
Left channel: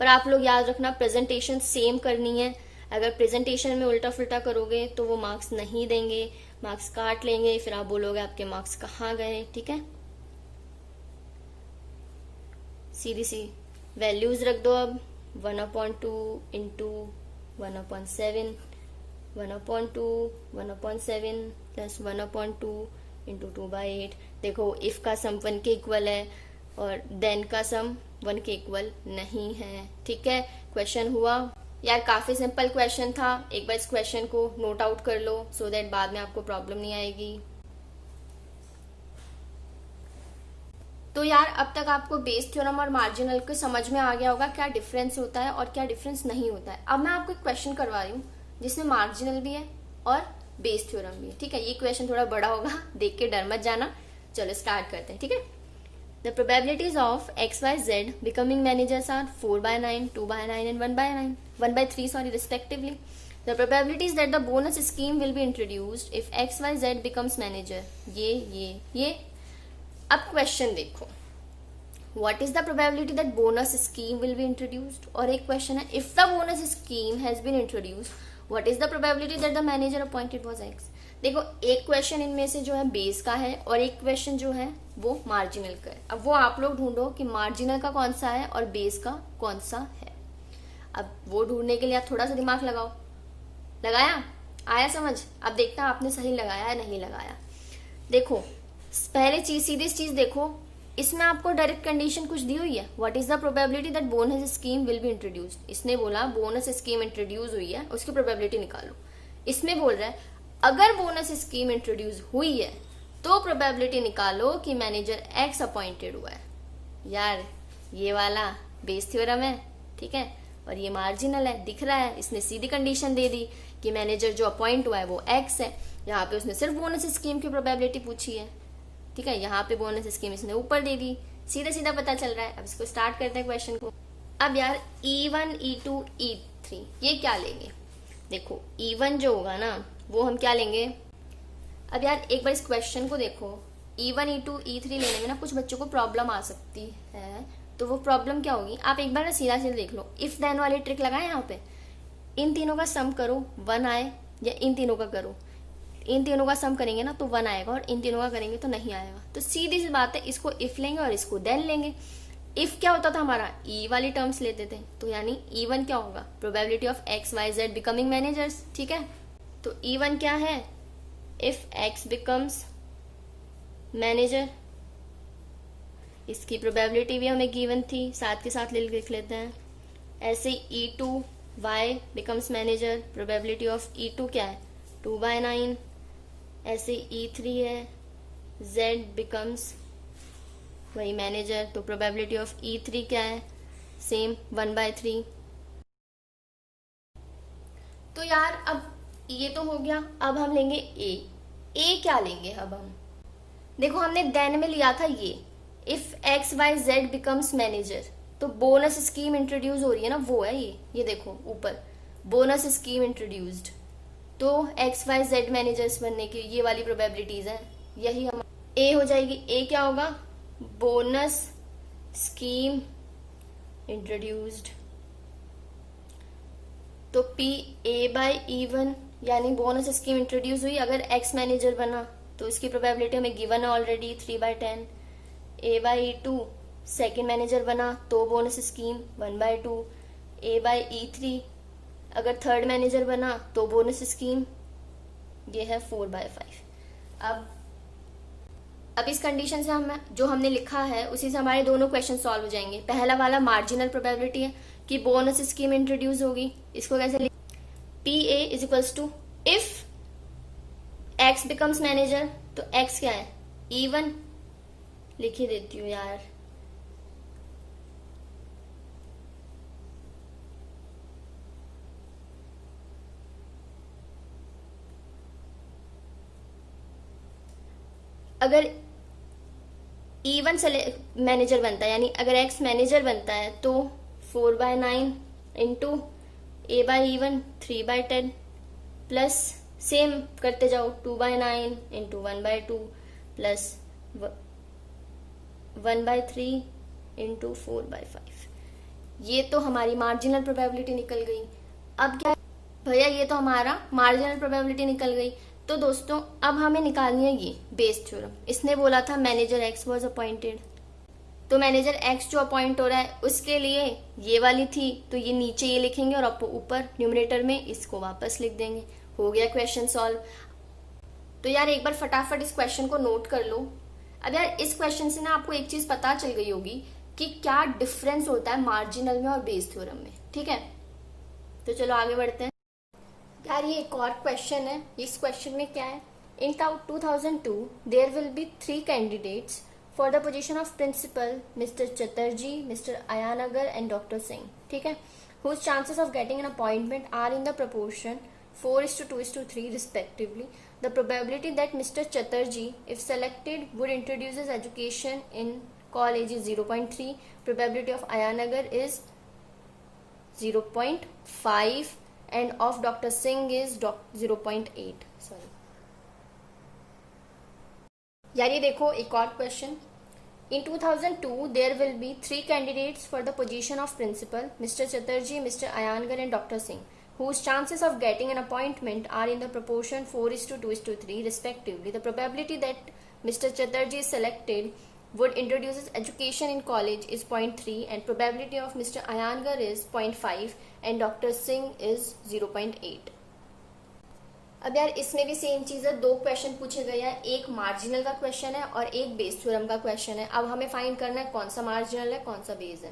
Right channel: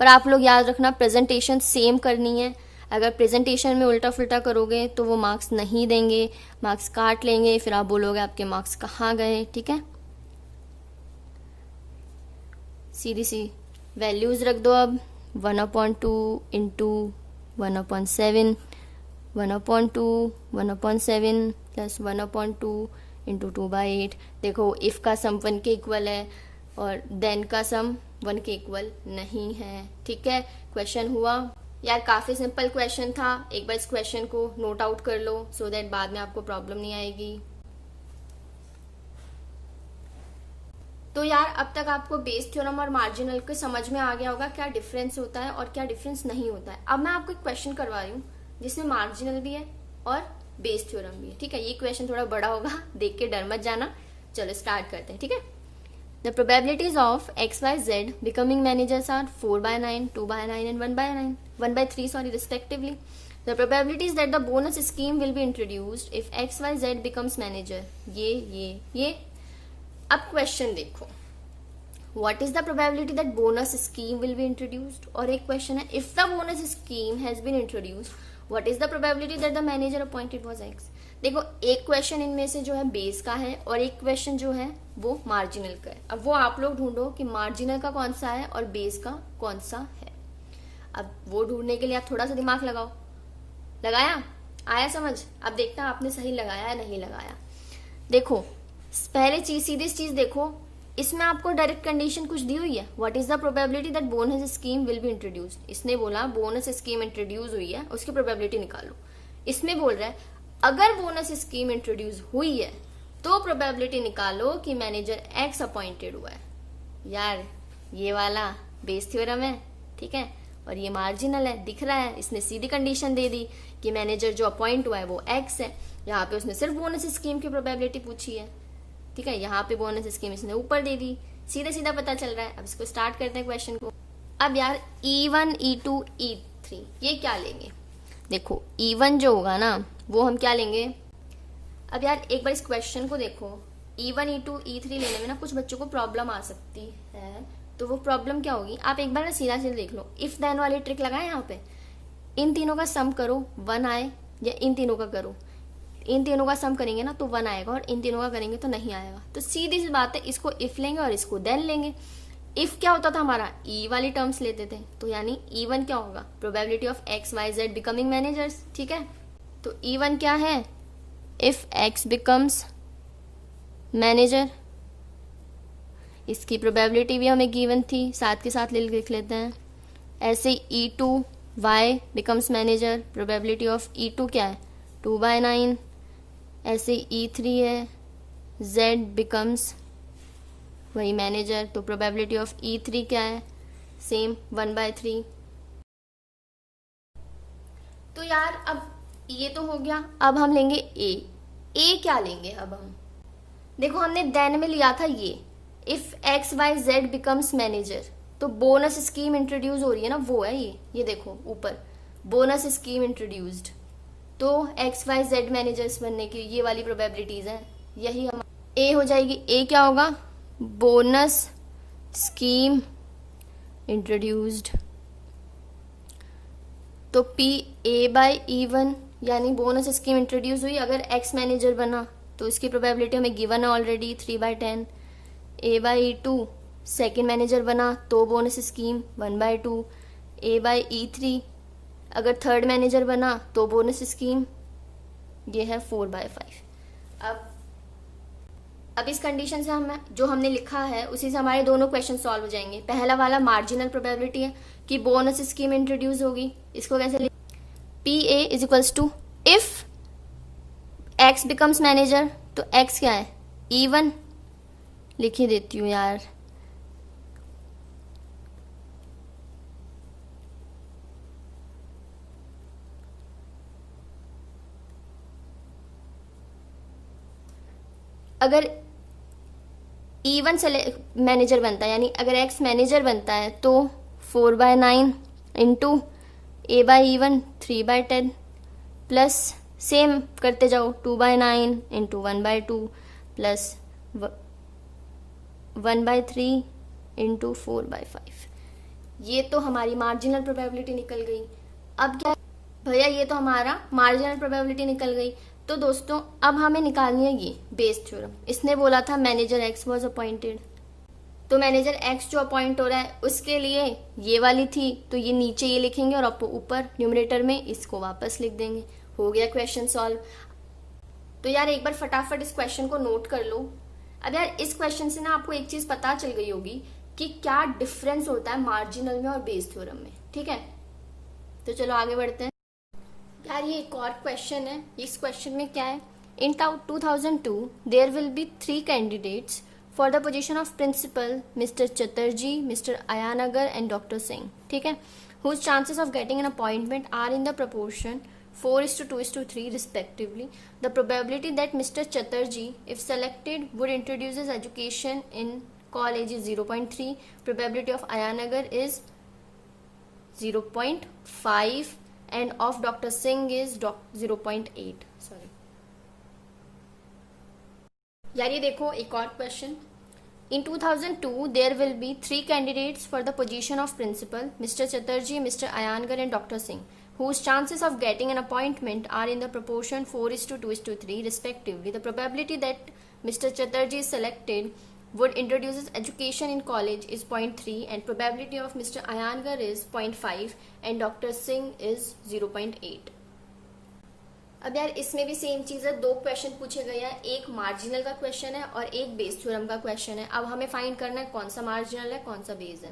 पर आप लोग याद रखना प्रेजेंटेशन सेम करनी है। अगर प्रेजेंटेशन में उल्टा फुल्टा करोगे तो वो मार्क्स नहीं देंगे, मार्क्स काट लेंगे, फिर आप बोलोगे आपके मार्क्स कहाँ गए। ठीक है, सीधी सी वैल्यूज रख दो। अब 1/2 इंटू 1/7, 1/2 1/7 प्लस 1/2 इंटू 2/8। देखो इफ का सम 1 के इक्वल है और देन का सम 1 के इक्वल नहीं है। ठीक है, क्वेश्चन हुआ यार, काफी सिंपल क्वेश्चन था। एक बार इस क्वेश्चन को नोट आउट कर लो, सो दैट बाद में आपको प्रॉब्लम नहीं आएगी। तो यार अब तक आपको बेस थ्योरम और मार्जिनल को समझ में आ गया होगा क्या डिफरेंस होता है और क्या डिफरेंस नहीं होता है। अब मैं आपको एक क्वेश्चन करवा रही हूँ जिसमें मार्जिनल भी है और बेस थ्योरम भी है। ठीक है, ये क्वेश्चन थोड़ा बड़ा होगा, देख के डर मत जाना। चलो स्टार्ट करते हैं। ठीक है, The probabilities of x, y, z becoming managers are 4/9, 2/9 and 1/3 respectively. The probabilities that the bonus scheme will be introduced if x, y, z becomes manager. ये. अब क्वेश्चन देखो. What is the probability that bonus scheme will be introduced? और एक question है if the bonus scheme has been introduced, what is the probability that the manager appointed was x? देखो एक question इनमें से जो है बेस का है और एक क्वेश्चन जो है वो मार्जिनल का है. अब वो आप लोग ढूंढो कि मार्जिनल का कौन सा है और बेस का कौन सा है. अब वो ढूंढने के लिए आप थोड़ा सा दिमाग लगाओ. लगाया? आया समझ? अब देखता आपने सही लगाया या नहीं लगाया. देखो पहले सीधी चीज देखो, इसमें आपको डायरेक्ट कंडीशन कुछ दी हुई है. What is the probability that bonus scheme will be introduced. इसने बोला बोनस स्कीम इंट्रोड्यूस हुई है, उसकी प्रोबेबिलिटी निकालो. इसमें बोल रहा है अगर बोनस स्कीम इंट्रोड्यूस हुई है तो प्रोबेबिलिटी निकालो कि मैनेजर एक्स अपॉइंटेड हुआ है. यार ये वाला बेस थ्योरम है, ठीक है, और ये मार्जिनल है, दिख रहा है. इसने सीधी कंडीशन दे दी कि मैनेजर जो अपॉइंट हुआ है वो एक्स है. यहाँ पे उसने सिर्फ बोनस स्कीम की प्रोबेबिलिटी पूछी है, ठीक है. यहाँ पे बोनस स्कीम इसने ऊपर दे दी, सीधा सीधा पता चल रहा है. अब इसको स्टार्ट करते हैं क्वेश्चन को. अब यार E1, E2, E3 ये क्या लेंगे. देखो E1 जो होगा ना वो हम क्या लेंगे. अब यार एक बार इस क्वेश्चन को देखो. E1, E2, E3 लेने में ना कुछ बच्चों को प्रॉब्लम आ सकती है. तो वो प्रॉब्लम क्या होगी, आप एक बार ना सीधा सीधा देख लो. इफ देन वाली ट्रिक लगाए यहाँ पे. इन तीनों का सम करो 1 आए, या इन तीनों का करो. इन तीनों का सम करेंगे ना तो 1 आएगा और इन तीनों का करेंगे तो नहीं आएगा. तो सीधी सी बात है, इसको इफ लेंगे और इसको देन लेंगे. इफ क्या होता था हमारा, ई वाली टर्म्स लेते थे. तो यानी E1 क्या होगा, probability of X, Y, Z becoming managers, ठीक है. तो E1 क्या है, इफ एक्स बिकम्स मैनेजर. इसकी प्रोबेबिलिटी भी हमें गिवन थी, साथ के साथ लिख लेते हैं. ऐसे E2 Y becomes manager, probability of E2 क्या है 2/9. ऐसे E3 है Z बिकम्स वही मैनेजर, तो प्रोबेबिलिटी ऑफ E3 क्या है सेम 1/3. तो यार अब ये तो हो गया. अब हम लेंगे ए क्या लेंगे. अब हम देखो हमने देन में लिया था ये if X Y Z becomes manager. तो बोनस स्कीम इंट्रोड्यूस हो रही है ना, वो है ये देखो ऊपर बोनस स्कीम इंट्रोड्यूस्ड. तो एक्स वाई जेड मैनेजर्स बनने की ये वाली प्रोबेबिलिटीज है, यही हम ए हो जाएगी. ए क्या होगा, बोनस स्कीम इंट्रोड्यूस्ड. तो पी A/E1 यानी बोनस स्कीम इंट्रोड्यूस हुई. अगर एक्स मैनेजर बना तो इसकी प्रोबेबिलिटी हमें गिवन है ऑलरेडी 3/10. A/E2 सेकेंड मैनेजर बना तो बोनस स्कीम 1/2. A/E3 अगर थर्ड मैनेजर बना तो बोनस स्कीम ये है 4/5. अब इस कंडीशन से हम जो हमने लिखा है उसी से हमारे दोनों क्वेश्चन सॉल्व हो जाएंगे. पहला वाला मार्जिनल प्रोबेबिलिटी है कि बोनस स्कीम इंट्रोड्यूस होगी. इसको कैसे PA is equals to if X becomes manager. तो एक्स क्या है E1 लिख ही देती हूँ यार. अगर E1 मैनेजर बनता है यानी अगर एक्स मैनेजर बनता है तो 4/9 इंटू A/E1 3/10 प्लस सेम करते जाओ 2/9 इंटू 1/2 प्लस 1/3 इंटू 4/5. ये तो हमारी मार्जिनल प्रोबेबिलिटी निकल गई. अब क्या भैया, ये तो हमारा मार्जिनल प्रोबेबिलिटी निकल गई. तो दोस्तों अब हमें निकालनी है ये बेस थ्योरम. इसने बोला था मैनेजर एक्स वॉज अपॉइंटेड. तो मैनेजर एक्स जो अपॉइंट हो रहा है उसके लिए ये वाली थी, तो ये नीचे ये लिखेंगे और आपको ऊपर न्यूमरेटर में इसको वापस लिख देंगे. हो गया क्वेश्चन सॉल्व. तो यार एक बार फटाफट इस क्वेश्चन को नोट कर लो. अब यार इस क्वेश्चन से ना आपको एक चीज पता चल गई होगी कि क्या डिफरेंस होता है मार्जिनल में और बेस थ्योरम में, ठीक है. तो चलो आगे बढ़ते हैं. यार ये एक और क्वेश्चन है. इस क्वेश्चन में क्या है, in 2002 there will be 3 candidates for the position of principal, mister Chatterjee, mister Iyengar and doctor Singh, ठीक है, whose chances of getting an appointment are in the proportion 4:2:3 respectively. The probability that Mr. Chatterjee, if selected, would introduce his education in college is 0.3, probability of Ayanagar is 0.5 and of Dr. Singh is 0.8. Sorry यार, ये देखो एक और question. In 2002, there will be 3 candidates for the position of principal, Mr. Chatterjee, Mr. Ayangar and Dr. Singh, whose chances of getting an appointment are in the proportion 4:2:3 respectively. The probability that Mr. Chatterjee is selected would introduce education in college is 0.3 and probability of Mr. Ayangar is 0.5 and Dr. Singh is 0.8. अब यार इसमें भी same चीज है, 2 question पूछे गए हैं, एक मार्जिनल का क्वेश्चन है और एक बेस थ्योरम का क्वेश्चन है. अब हमें फाइंड करना है कौन सा मार्जिनल है कौन सा बेस है.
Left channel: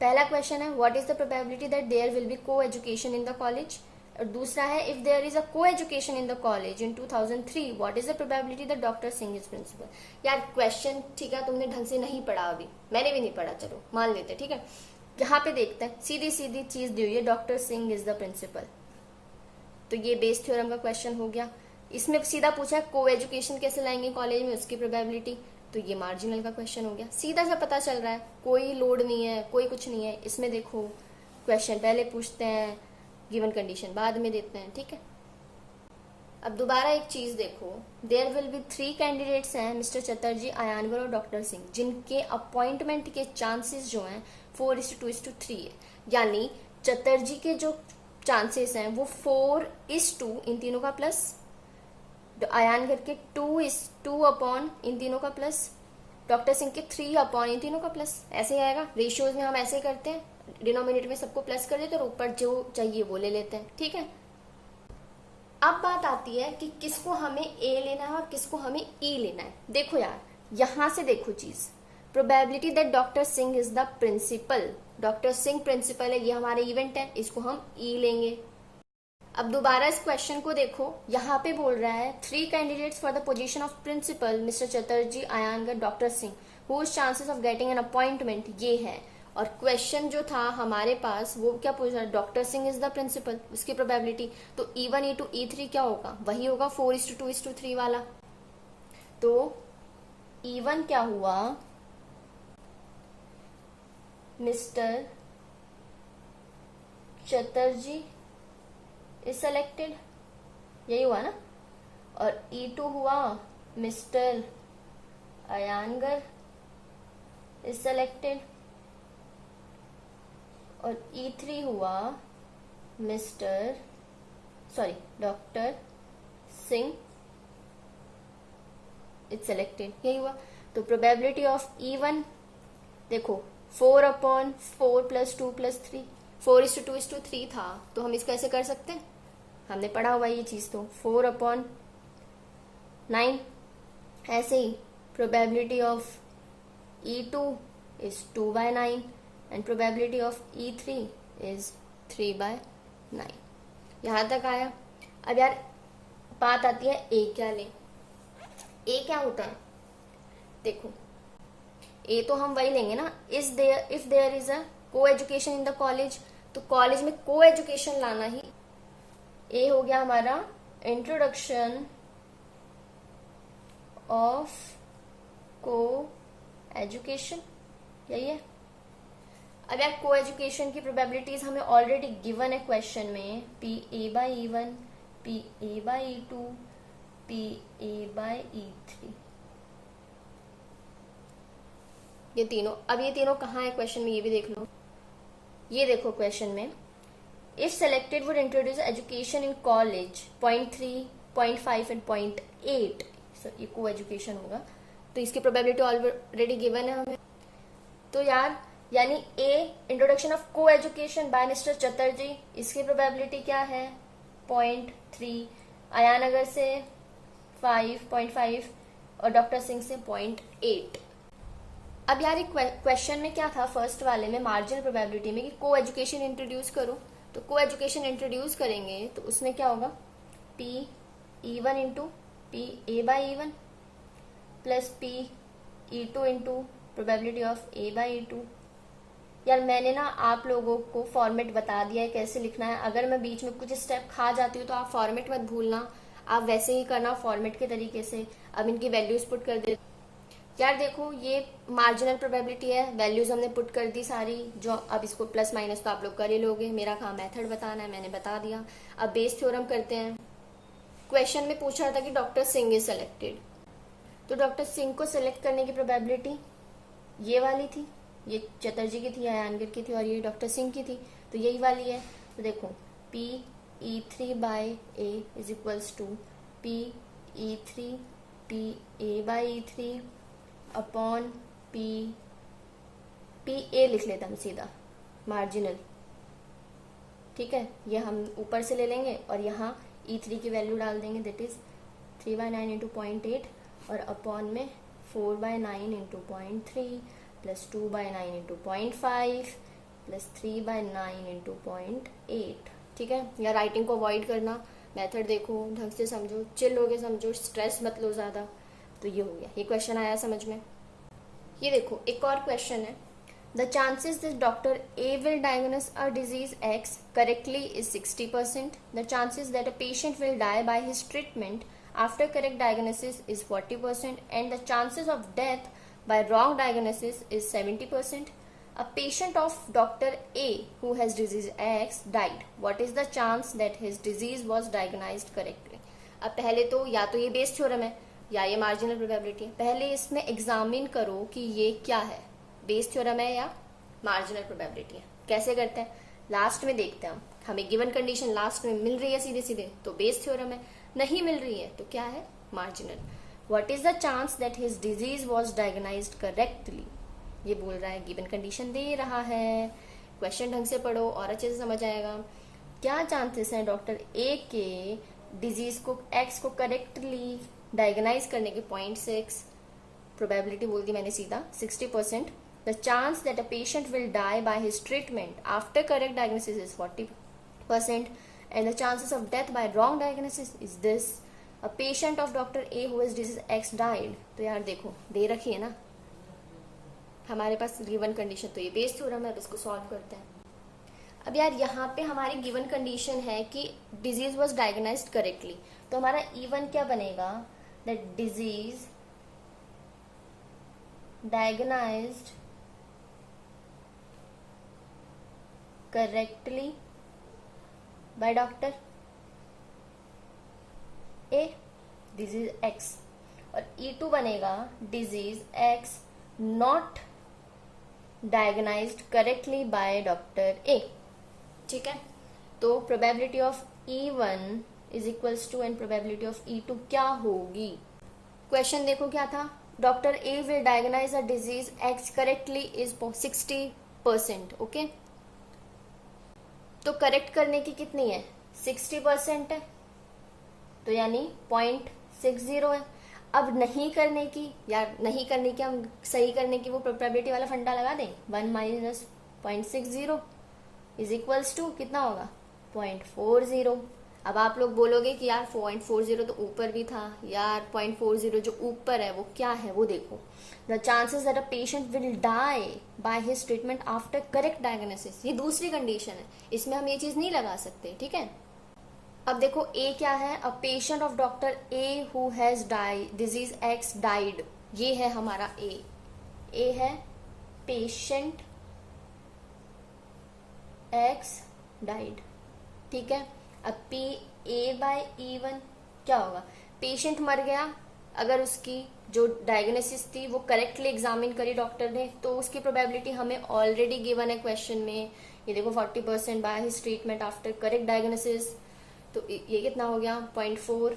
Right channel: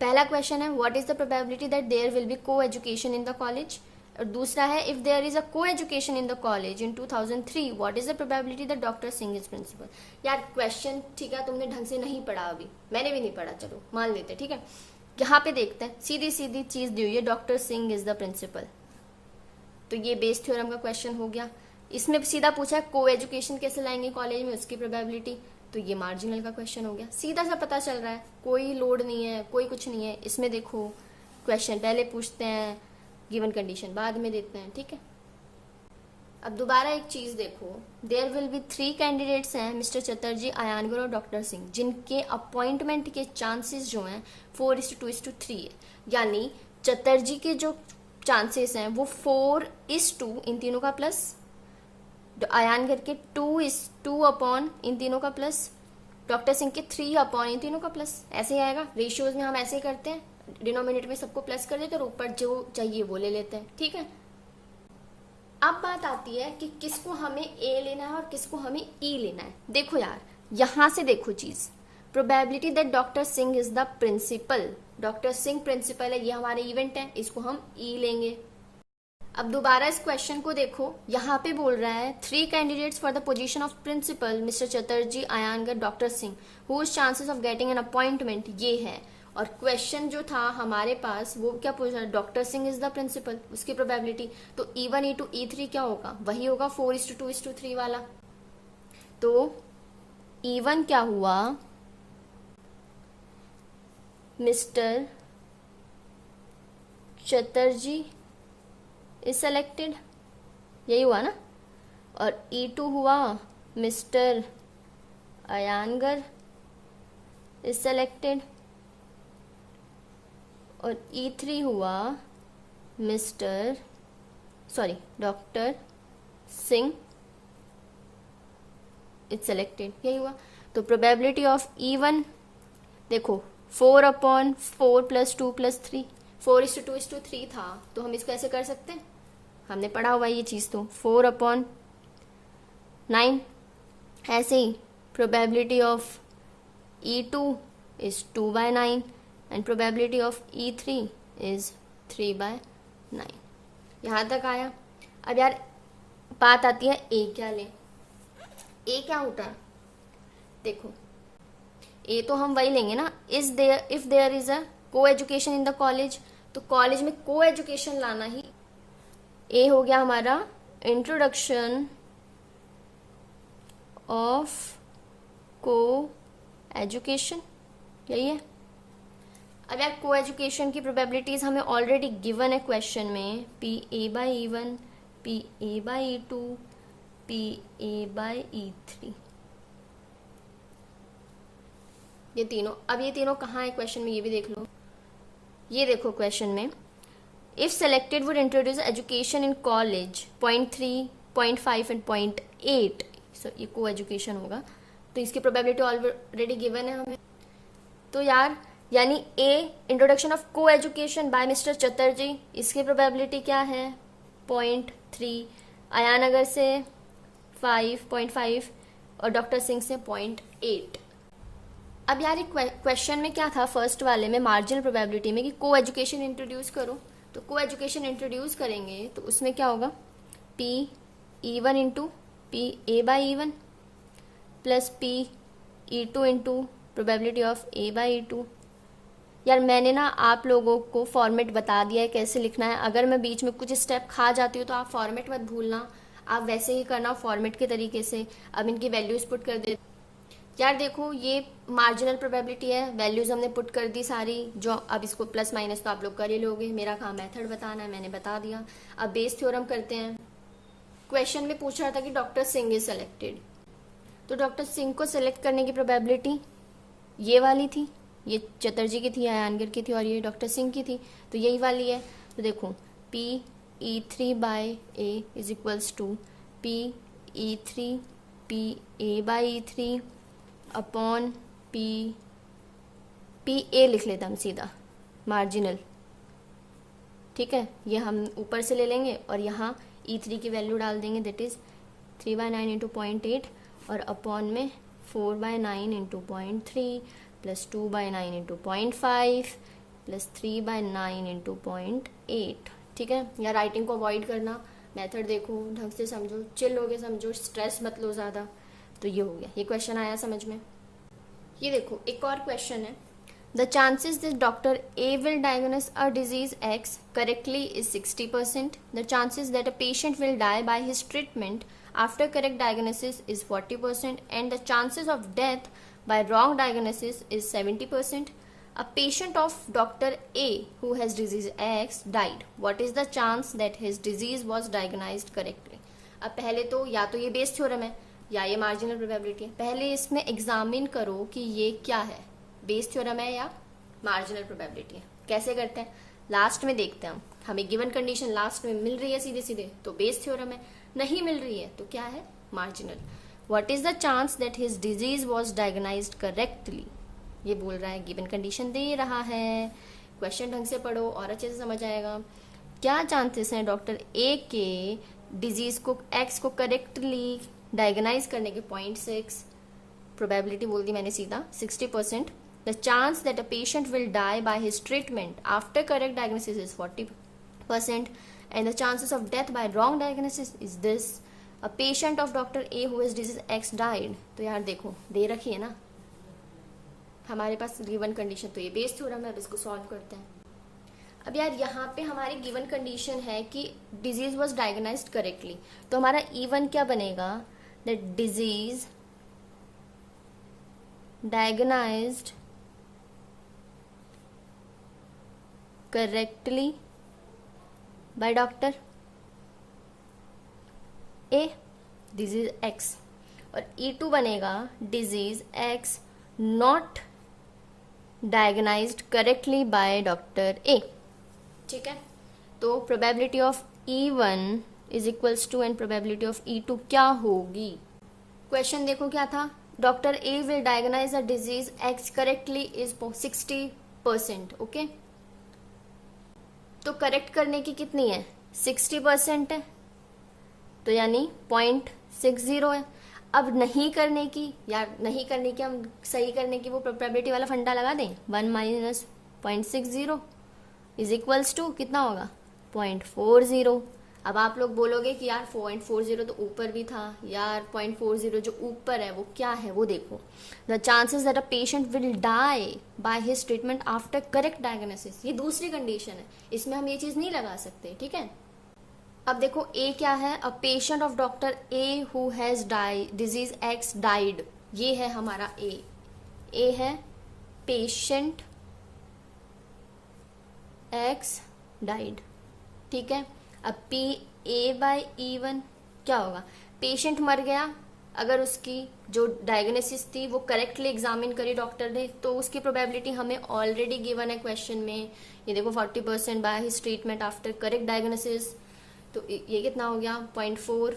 पहला क्वेश्चन है what is the probability that there will be co education in the college, और दूसरा है if there is a co education in the college in 2003 what is the probability that doctor Singh is principal. यार question ठीक है, तुमने ढंग से नहीं पढ़ा, अभी मैंने भी नहीं पढ़ा, चलो मान लेते. ठीक है, यहाँ पे देखते हैं, सीधी सीधी चीज दी हुई है, doctor Singh is the principal. तो ये बेस थ्योरम का क्वेश्चन हो गया. इसमें सीधा पूछा है को एजुकेशन कैसे लाएंगे कॉलेज में, उसकी प्रोबेबिलिटी. तो ये मार्जिनल का क्वेश्चन हो गया, सीधा सा पता चल रहा है, कोई लोड नहीं है, कोई कुछ नहीं है. इसमें देखो क्वेश्चन पहले पूछते हैं, गिवन कंडीशन बाद में देते हैं. ठीक है, अब दोबारा एक चीज देखो, देयर विल बी 3 कैंडिडेट्स हैं, मिस्टर चटर्जी, अयानगर और डॉक्टर सिंह, जिनके अपॉइंटमेंट के चांसेस जो हैं 4:2:3 है. यानी चटर्जी के जो चांसेस हैं वो 4:2 इन तीनों का प्लस, अयानगर के 2:2 अपॉन इन तीनों का प्लस, डॉक्टर सिंह के 3 अपॉन इन तीनों का प्लस. ऐसे ही आएगा. रेशियोज में हम ऐसे ही करते हैं, डिनोमिनेटर में सबको प्लस कर देते हैं और ऊपर जो चाहिए वो ले लेते हैं. ठीक है, अब बात आती है कि किसको हमें ए लेना है और किसको हमें ई लेना है. देखो यार, यहां से देखो चीज, probability that doctor Singh is the principal, doctor Singh principal है, ये हमारे इवेंट है, इसको हम ई लेंगे. अब दोबारा इस क्वेश्चन को देखो, यहाँ पे बोल रहा है 3 candidates for the position of principal, mister Chatterjee, Iyengar, doctor Singh, whose chances of getting an appointment ये है. और क्वेश्चन जो था हमारे पास वो क्या पूछ रहा है, doctor Singh is the principal, उसकी प्रोबेबिलिटी. तो E1 E2 E3 क्या होगा, वही होगा 4:2:3 वाला. तो E1 क्या हुआ, मिस्टर चटर्जी इज सेलेक्टेड, यही हुआ ना. और E2 हुआ मिस्टर अयानगर इज सेलेक्टेड, और E3 हुआ डॉक्टर सिंह इज सेलेक्टेड, यही हुआ. तो प्रोबेबिलिटी ऑफ E1 देखो 4/4 + 2 + 3, 4:2:3 था. तो हम इसको ऐसे कर सकते हैं, हमने पढ़ा हुआ ये चीज. तो 4/9. ऐसे ही probability of E2 is 2/9 and probability of E3 is 3/9. यहां तक आया. अब यार बात आती है ए क्या लें. ए क्या होता है, देखो ए तो हम वही लेंगे ना, if there is a co education in the college. तो कॉलेज में को एजुकेशन लाना ही ए हो गया हमारा, इंट्रोडक्शन ऑफ को एजुकेशन, यही है. अब यार को एजुकेशन की प्रोबेबिलिटीज हमें ऑलरेडी गिवन है क्वेश्चन में, PA/E1, PA/E2, PA/E3, ये तीनों. अब ये तीनों कहाँ है क्वेश्चन में, ये भी देख लो. ये देखो क्वेश्चन में, if selected would introduce education in college 0.3, 0.5 and 0.8. सो ये को एजुकेशन होगा. तो इसकी प्रोबेबिलिटी ऑलरेडी गिवन है हमें. तो यार यानी ए इंट्रोडक्शन ऑफ को एजुकेशन बाय मिस्टर चटर्जी, इसकी प्रोबेबिलिटी क्या है 0.3, अयानगर से 5.5 और डॉक्टर सिंह से 0.8. अब यार एक क्वेश्चन में क्या था फर्स्ट वाले में, मार्जिनल प्रोबेबिलिटी में, कि को एजुकेशन इंट्रोड्यूस करो. तो को एजुकेशन इंट्रोड्यूस करेंगे तो उसमें क्या होगा, PE1 into PA/E1 plus PE2 into probability of A/E2. यार मैंने ना आप लोगों को फॉर्मेट बता दिया है कैसे लिखना है. अगर मैं बीच में कुछ स्टेप खा जाती हूँ तो आप फॉर्मेट मत भूलना, आप वैसे ही करना फॉर्मेट के तरीके से. अब इनकी वैल्यूज पुट कर दे. यार देखो ये मार्जिनल प्रोबेबिलिटी है, वैल्यूज हमने पुट कर दी सारी, जो अब इसको प्लस माइनस तो आप लोग कर ही लोगे, मेरा काम मेथड बताना है, मैंने बता दिया। अब बेस थ्योरम करते हैं। क्वेश्चन में पूछ रहा था कि डॉक्टर सिंह इज सेलेक्टेड, तो डॉक्टर सिंह को सिलेक्ट करने की प्रोबेबिलिटी ये वाली थी, ये चटर्जी की थी, आयनगर की थी, और ये डॉक्टर सिंह की थी, तो यही वाली है। तो देखो PE3 by A is equals to PE3 PA by E3 upon PA लिख लेते हम सीधा, मार्जिनल, ठीक है। ये हम ऊपर से ले लेंगे और यहाँ E3 की वैल्यू डाल देंगे, दैट इज 3/9 इंटू 0.8 और अपॉन में 4/9 into 0.3 plus 2/9 into 0.5 plus 3/9 into 0.8, ठीक है। या राइटिंग को अवॉइड करना, मेथड देखो, ढंग से समझो, चिल होके समझो, स्ट्रेस मत लो ज्यादा। तो ये हो गया, ये क्वेश्चन आया समझ में। ये देखो एक और क्वेश्चन है, the chances that doctor A will diagnose a disease X correctly is 60%, the chances that a patient will die by his treatment after correct diagnosis is 40% and the chances of death by wrong diagnosis is 70%. A patient of Dr. A who has disease X died. What is the chance that his disease was diagnosed correctly? अब पहले तो या तो ये Bayes theorem है या ये marginal probability है। पहले इसमें एग्जामिन करो कि ये क्या है, बेस थ्योरम है या मार्जिनल प्रोबेबिलिटी है। कैसे करते हैं, लास्ट में देखते हैं हम। हमें गिवन कंडीशन लास्ट में मिल रही है सीधे सीधे तो बेस थ्योरम है, नहीं मिल रही है तो क्या है, marginal. What is the chance that his disease was diagnosed correctly, ये बोल रहा है, गिवन कंडीशन दे रहा है। क्वेश्चन ढंग से पढ़ो और अच्छे से समझ आएगा। क्या चांसेस हैं डॉक्टर ए के डिजीज को एक्स को करेक्टली डायग्नाइज करने के, 0.6, प्रोबेबिलिटी बोल दी मैंने सीधा, 60%। The chance that a patient will die by his treatment after correct diagnosis is 40%. And the chances of death by wrong diagnosis is this. A patient of Dr. A who has disease X died. तो यार देखो दे रखी है ना हमारे पास given condition, तो ये Bayes theorem है, अब इसको सॉल्व करते हैं। अब यार यहाँ पे हमारी गिवन कंडीशन है कि डिजीज वाज डायग्नाइज्ड करेक्टली, तो हमारा E1 क्या बनेगा, that disease diagnosed correctly by doctor A, disease X, और E2 बनेगा disease X not diagnosed correctly by doctor A, ठीक है। तो probability of E1 is equals to and probability of E2 क्या होगी। क्वेश्चन देखो क्या था, doctor A will diagnose a disease X correctly is 60%, okay. तो करेक्ट करने की कितनी है, 60% है, तो यानी 0.60 है। अब नहीं करने की, या नहीं करने की हम सही करने की वो प्रोबेबिलिटी वाला फंडा लगा दें, 1 माइनस 0.60 इज इक्वल्स टू कितना होगा, 0.40। अब आप लोग बोलोगे कि यार 0.40 तो ऊपर भी था, यार 0.40 जो ऊपर है वो क्या है वो देखो, the chances that a patient will die by his treatment after correct diagnosis, ये दूसरी कंडीशन है, इसमें हम ये चीज नहीं लगा सकते, ठीक है। अब देखो ए क्या है, a patient of doctor A who has the disease X died, ये है हमारा ए है पेशेंट एक्स डाइड, ठीक है। अब PA/E1 क्या होगा, पेशेंट मर गया, अगर उसकी जो डायग्नोसिस थी वो करेक्टली एग्जामिन करी डॉक्टर ने, तो उसकी प्रोबेबिलिटी हमें ऑलरेडी गिवन है क्वेश्चन में, ये देखो 40% bye his treatment after correct diagnosis, तो ये कितना हो गया, 0.4,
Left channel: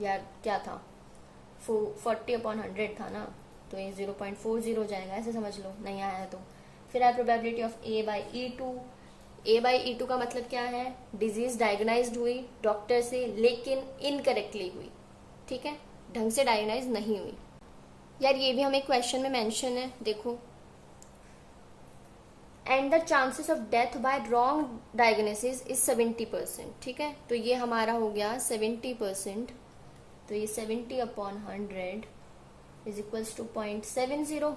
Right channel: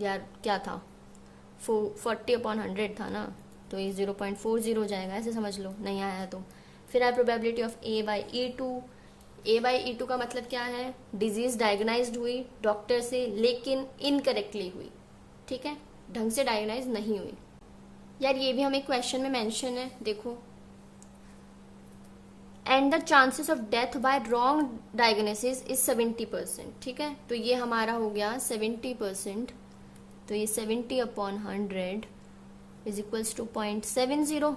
यार क्या था 40/100 था ना, तो ये 0.40 हो जाएगा, ऐसे समझ लो, नहीं आया तो। फिर है प्रोबेबिलिटी ऑफ A/E2, A/E2 का मतलब क्या है, डिजीज डायग्नाइज्ड हुई डॉक्टर से लेकिन इनकरेक्टली हुई, ठीक है, ढंग से डायग्नाइज नहीं हुई। यार ये भी हमें क्वेश्चन में मेंशन है, देखो, and the chances of death by wrong diagnosis is 70%, ठीक है। तो ये हमारा हो गया 70%, तो ये 70/100 इज इक्वल्स टू 0.70।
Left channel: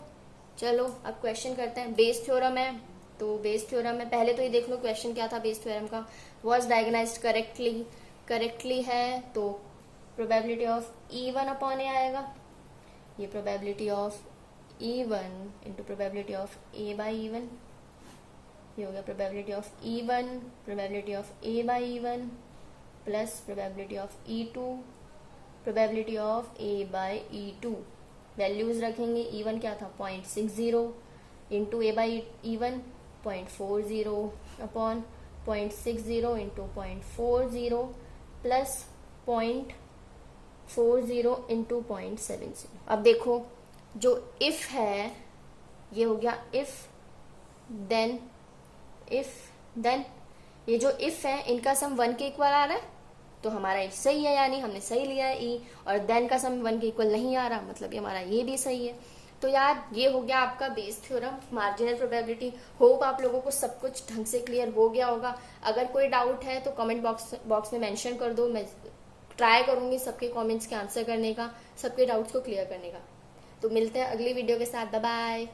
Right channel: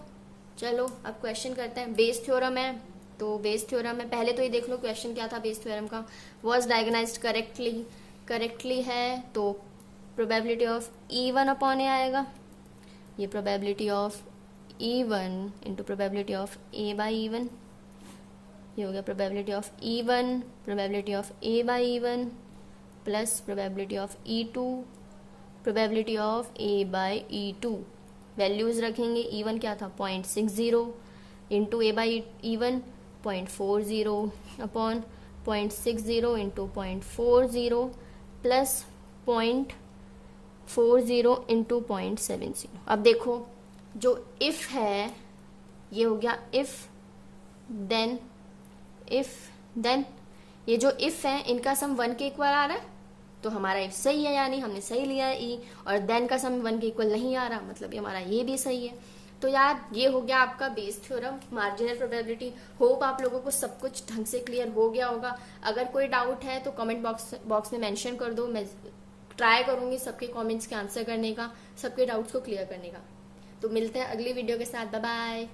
चलो अब क्वेश्चन करते हैं, बेस थ्योरम है, तो बेस थ्योरम में पहले तो ये देख लो क्वेश्चन क्या था बेस थ्योरम का, वाज डायग्नाइज्ड करेक्टली है, तो प्रोबेबिलिटी ऑफ E1/A आएगा, ये probability of E1 into probability of A by E1, ये हो गया probability of E1, probability of A by E1 plus probability of E2, probability of A by E2। Values रखेंगे, E1 क्या था 0.60 into A by E1 0.40 upon 0.60 into 0.40 plus 0.40 into 0.70। अब देखो जो if है ये हो गया इफ देन, ये जो इफ है इनका सम 1 के इक्वल आ रहा है तो हमारा इफ सही है, यानी हमने सही लिया है ई। और देन का सम 1 के इक्वल नहीं आ रहा, मतलब ये हमारा ये भी सही है। तो यार ये हो गया आपका Bayes theorem, marginal probability. Hope आप लोगों को सब कुछ ढंग से क्लियर हो गया होगा। अगर कोई डाउट है तो कमेंट बॉक्स में मेंशन कर दो, मैं ट्राई करूंगी सबके कमेंट्स के आंसर करने का, सबके डाउट्स को क्लियर करने का। तो मिलते हैं अगली वीडियो के साथ, बाय बाय।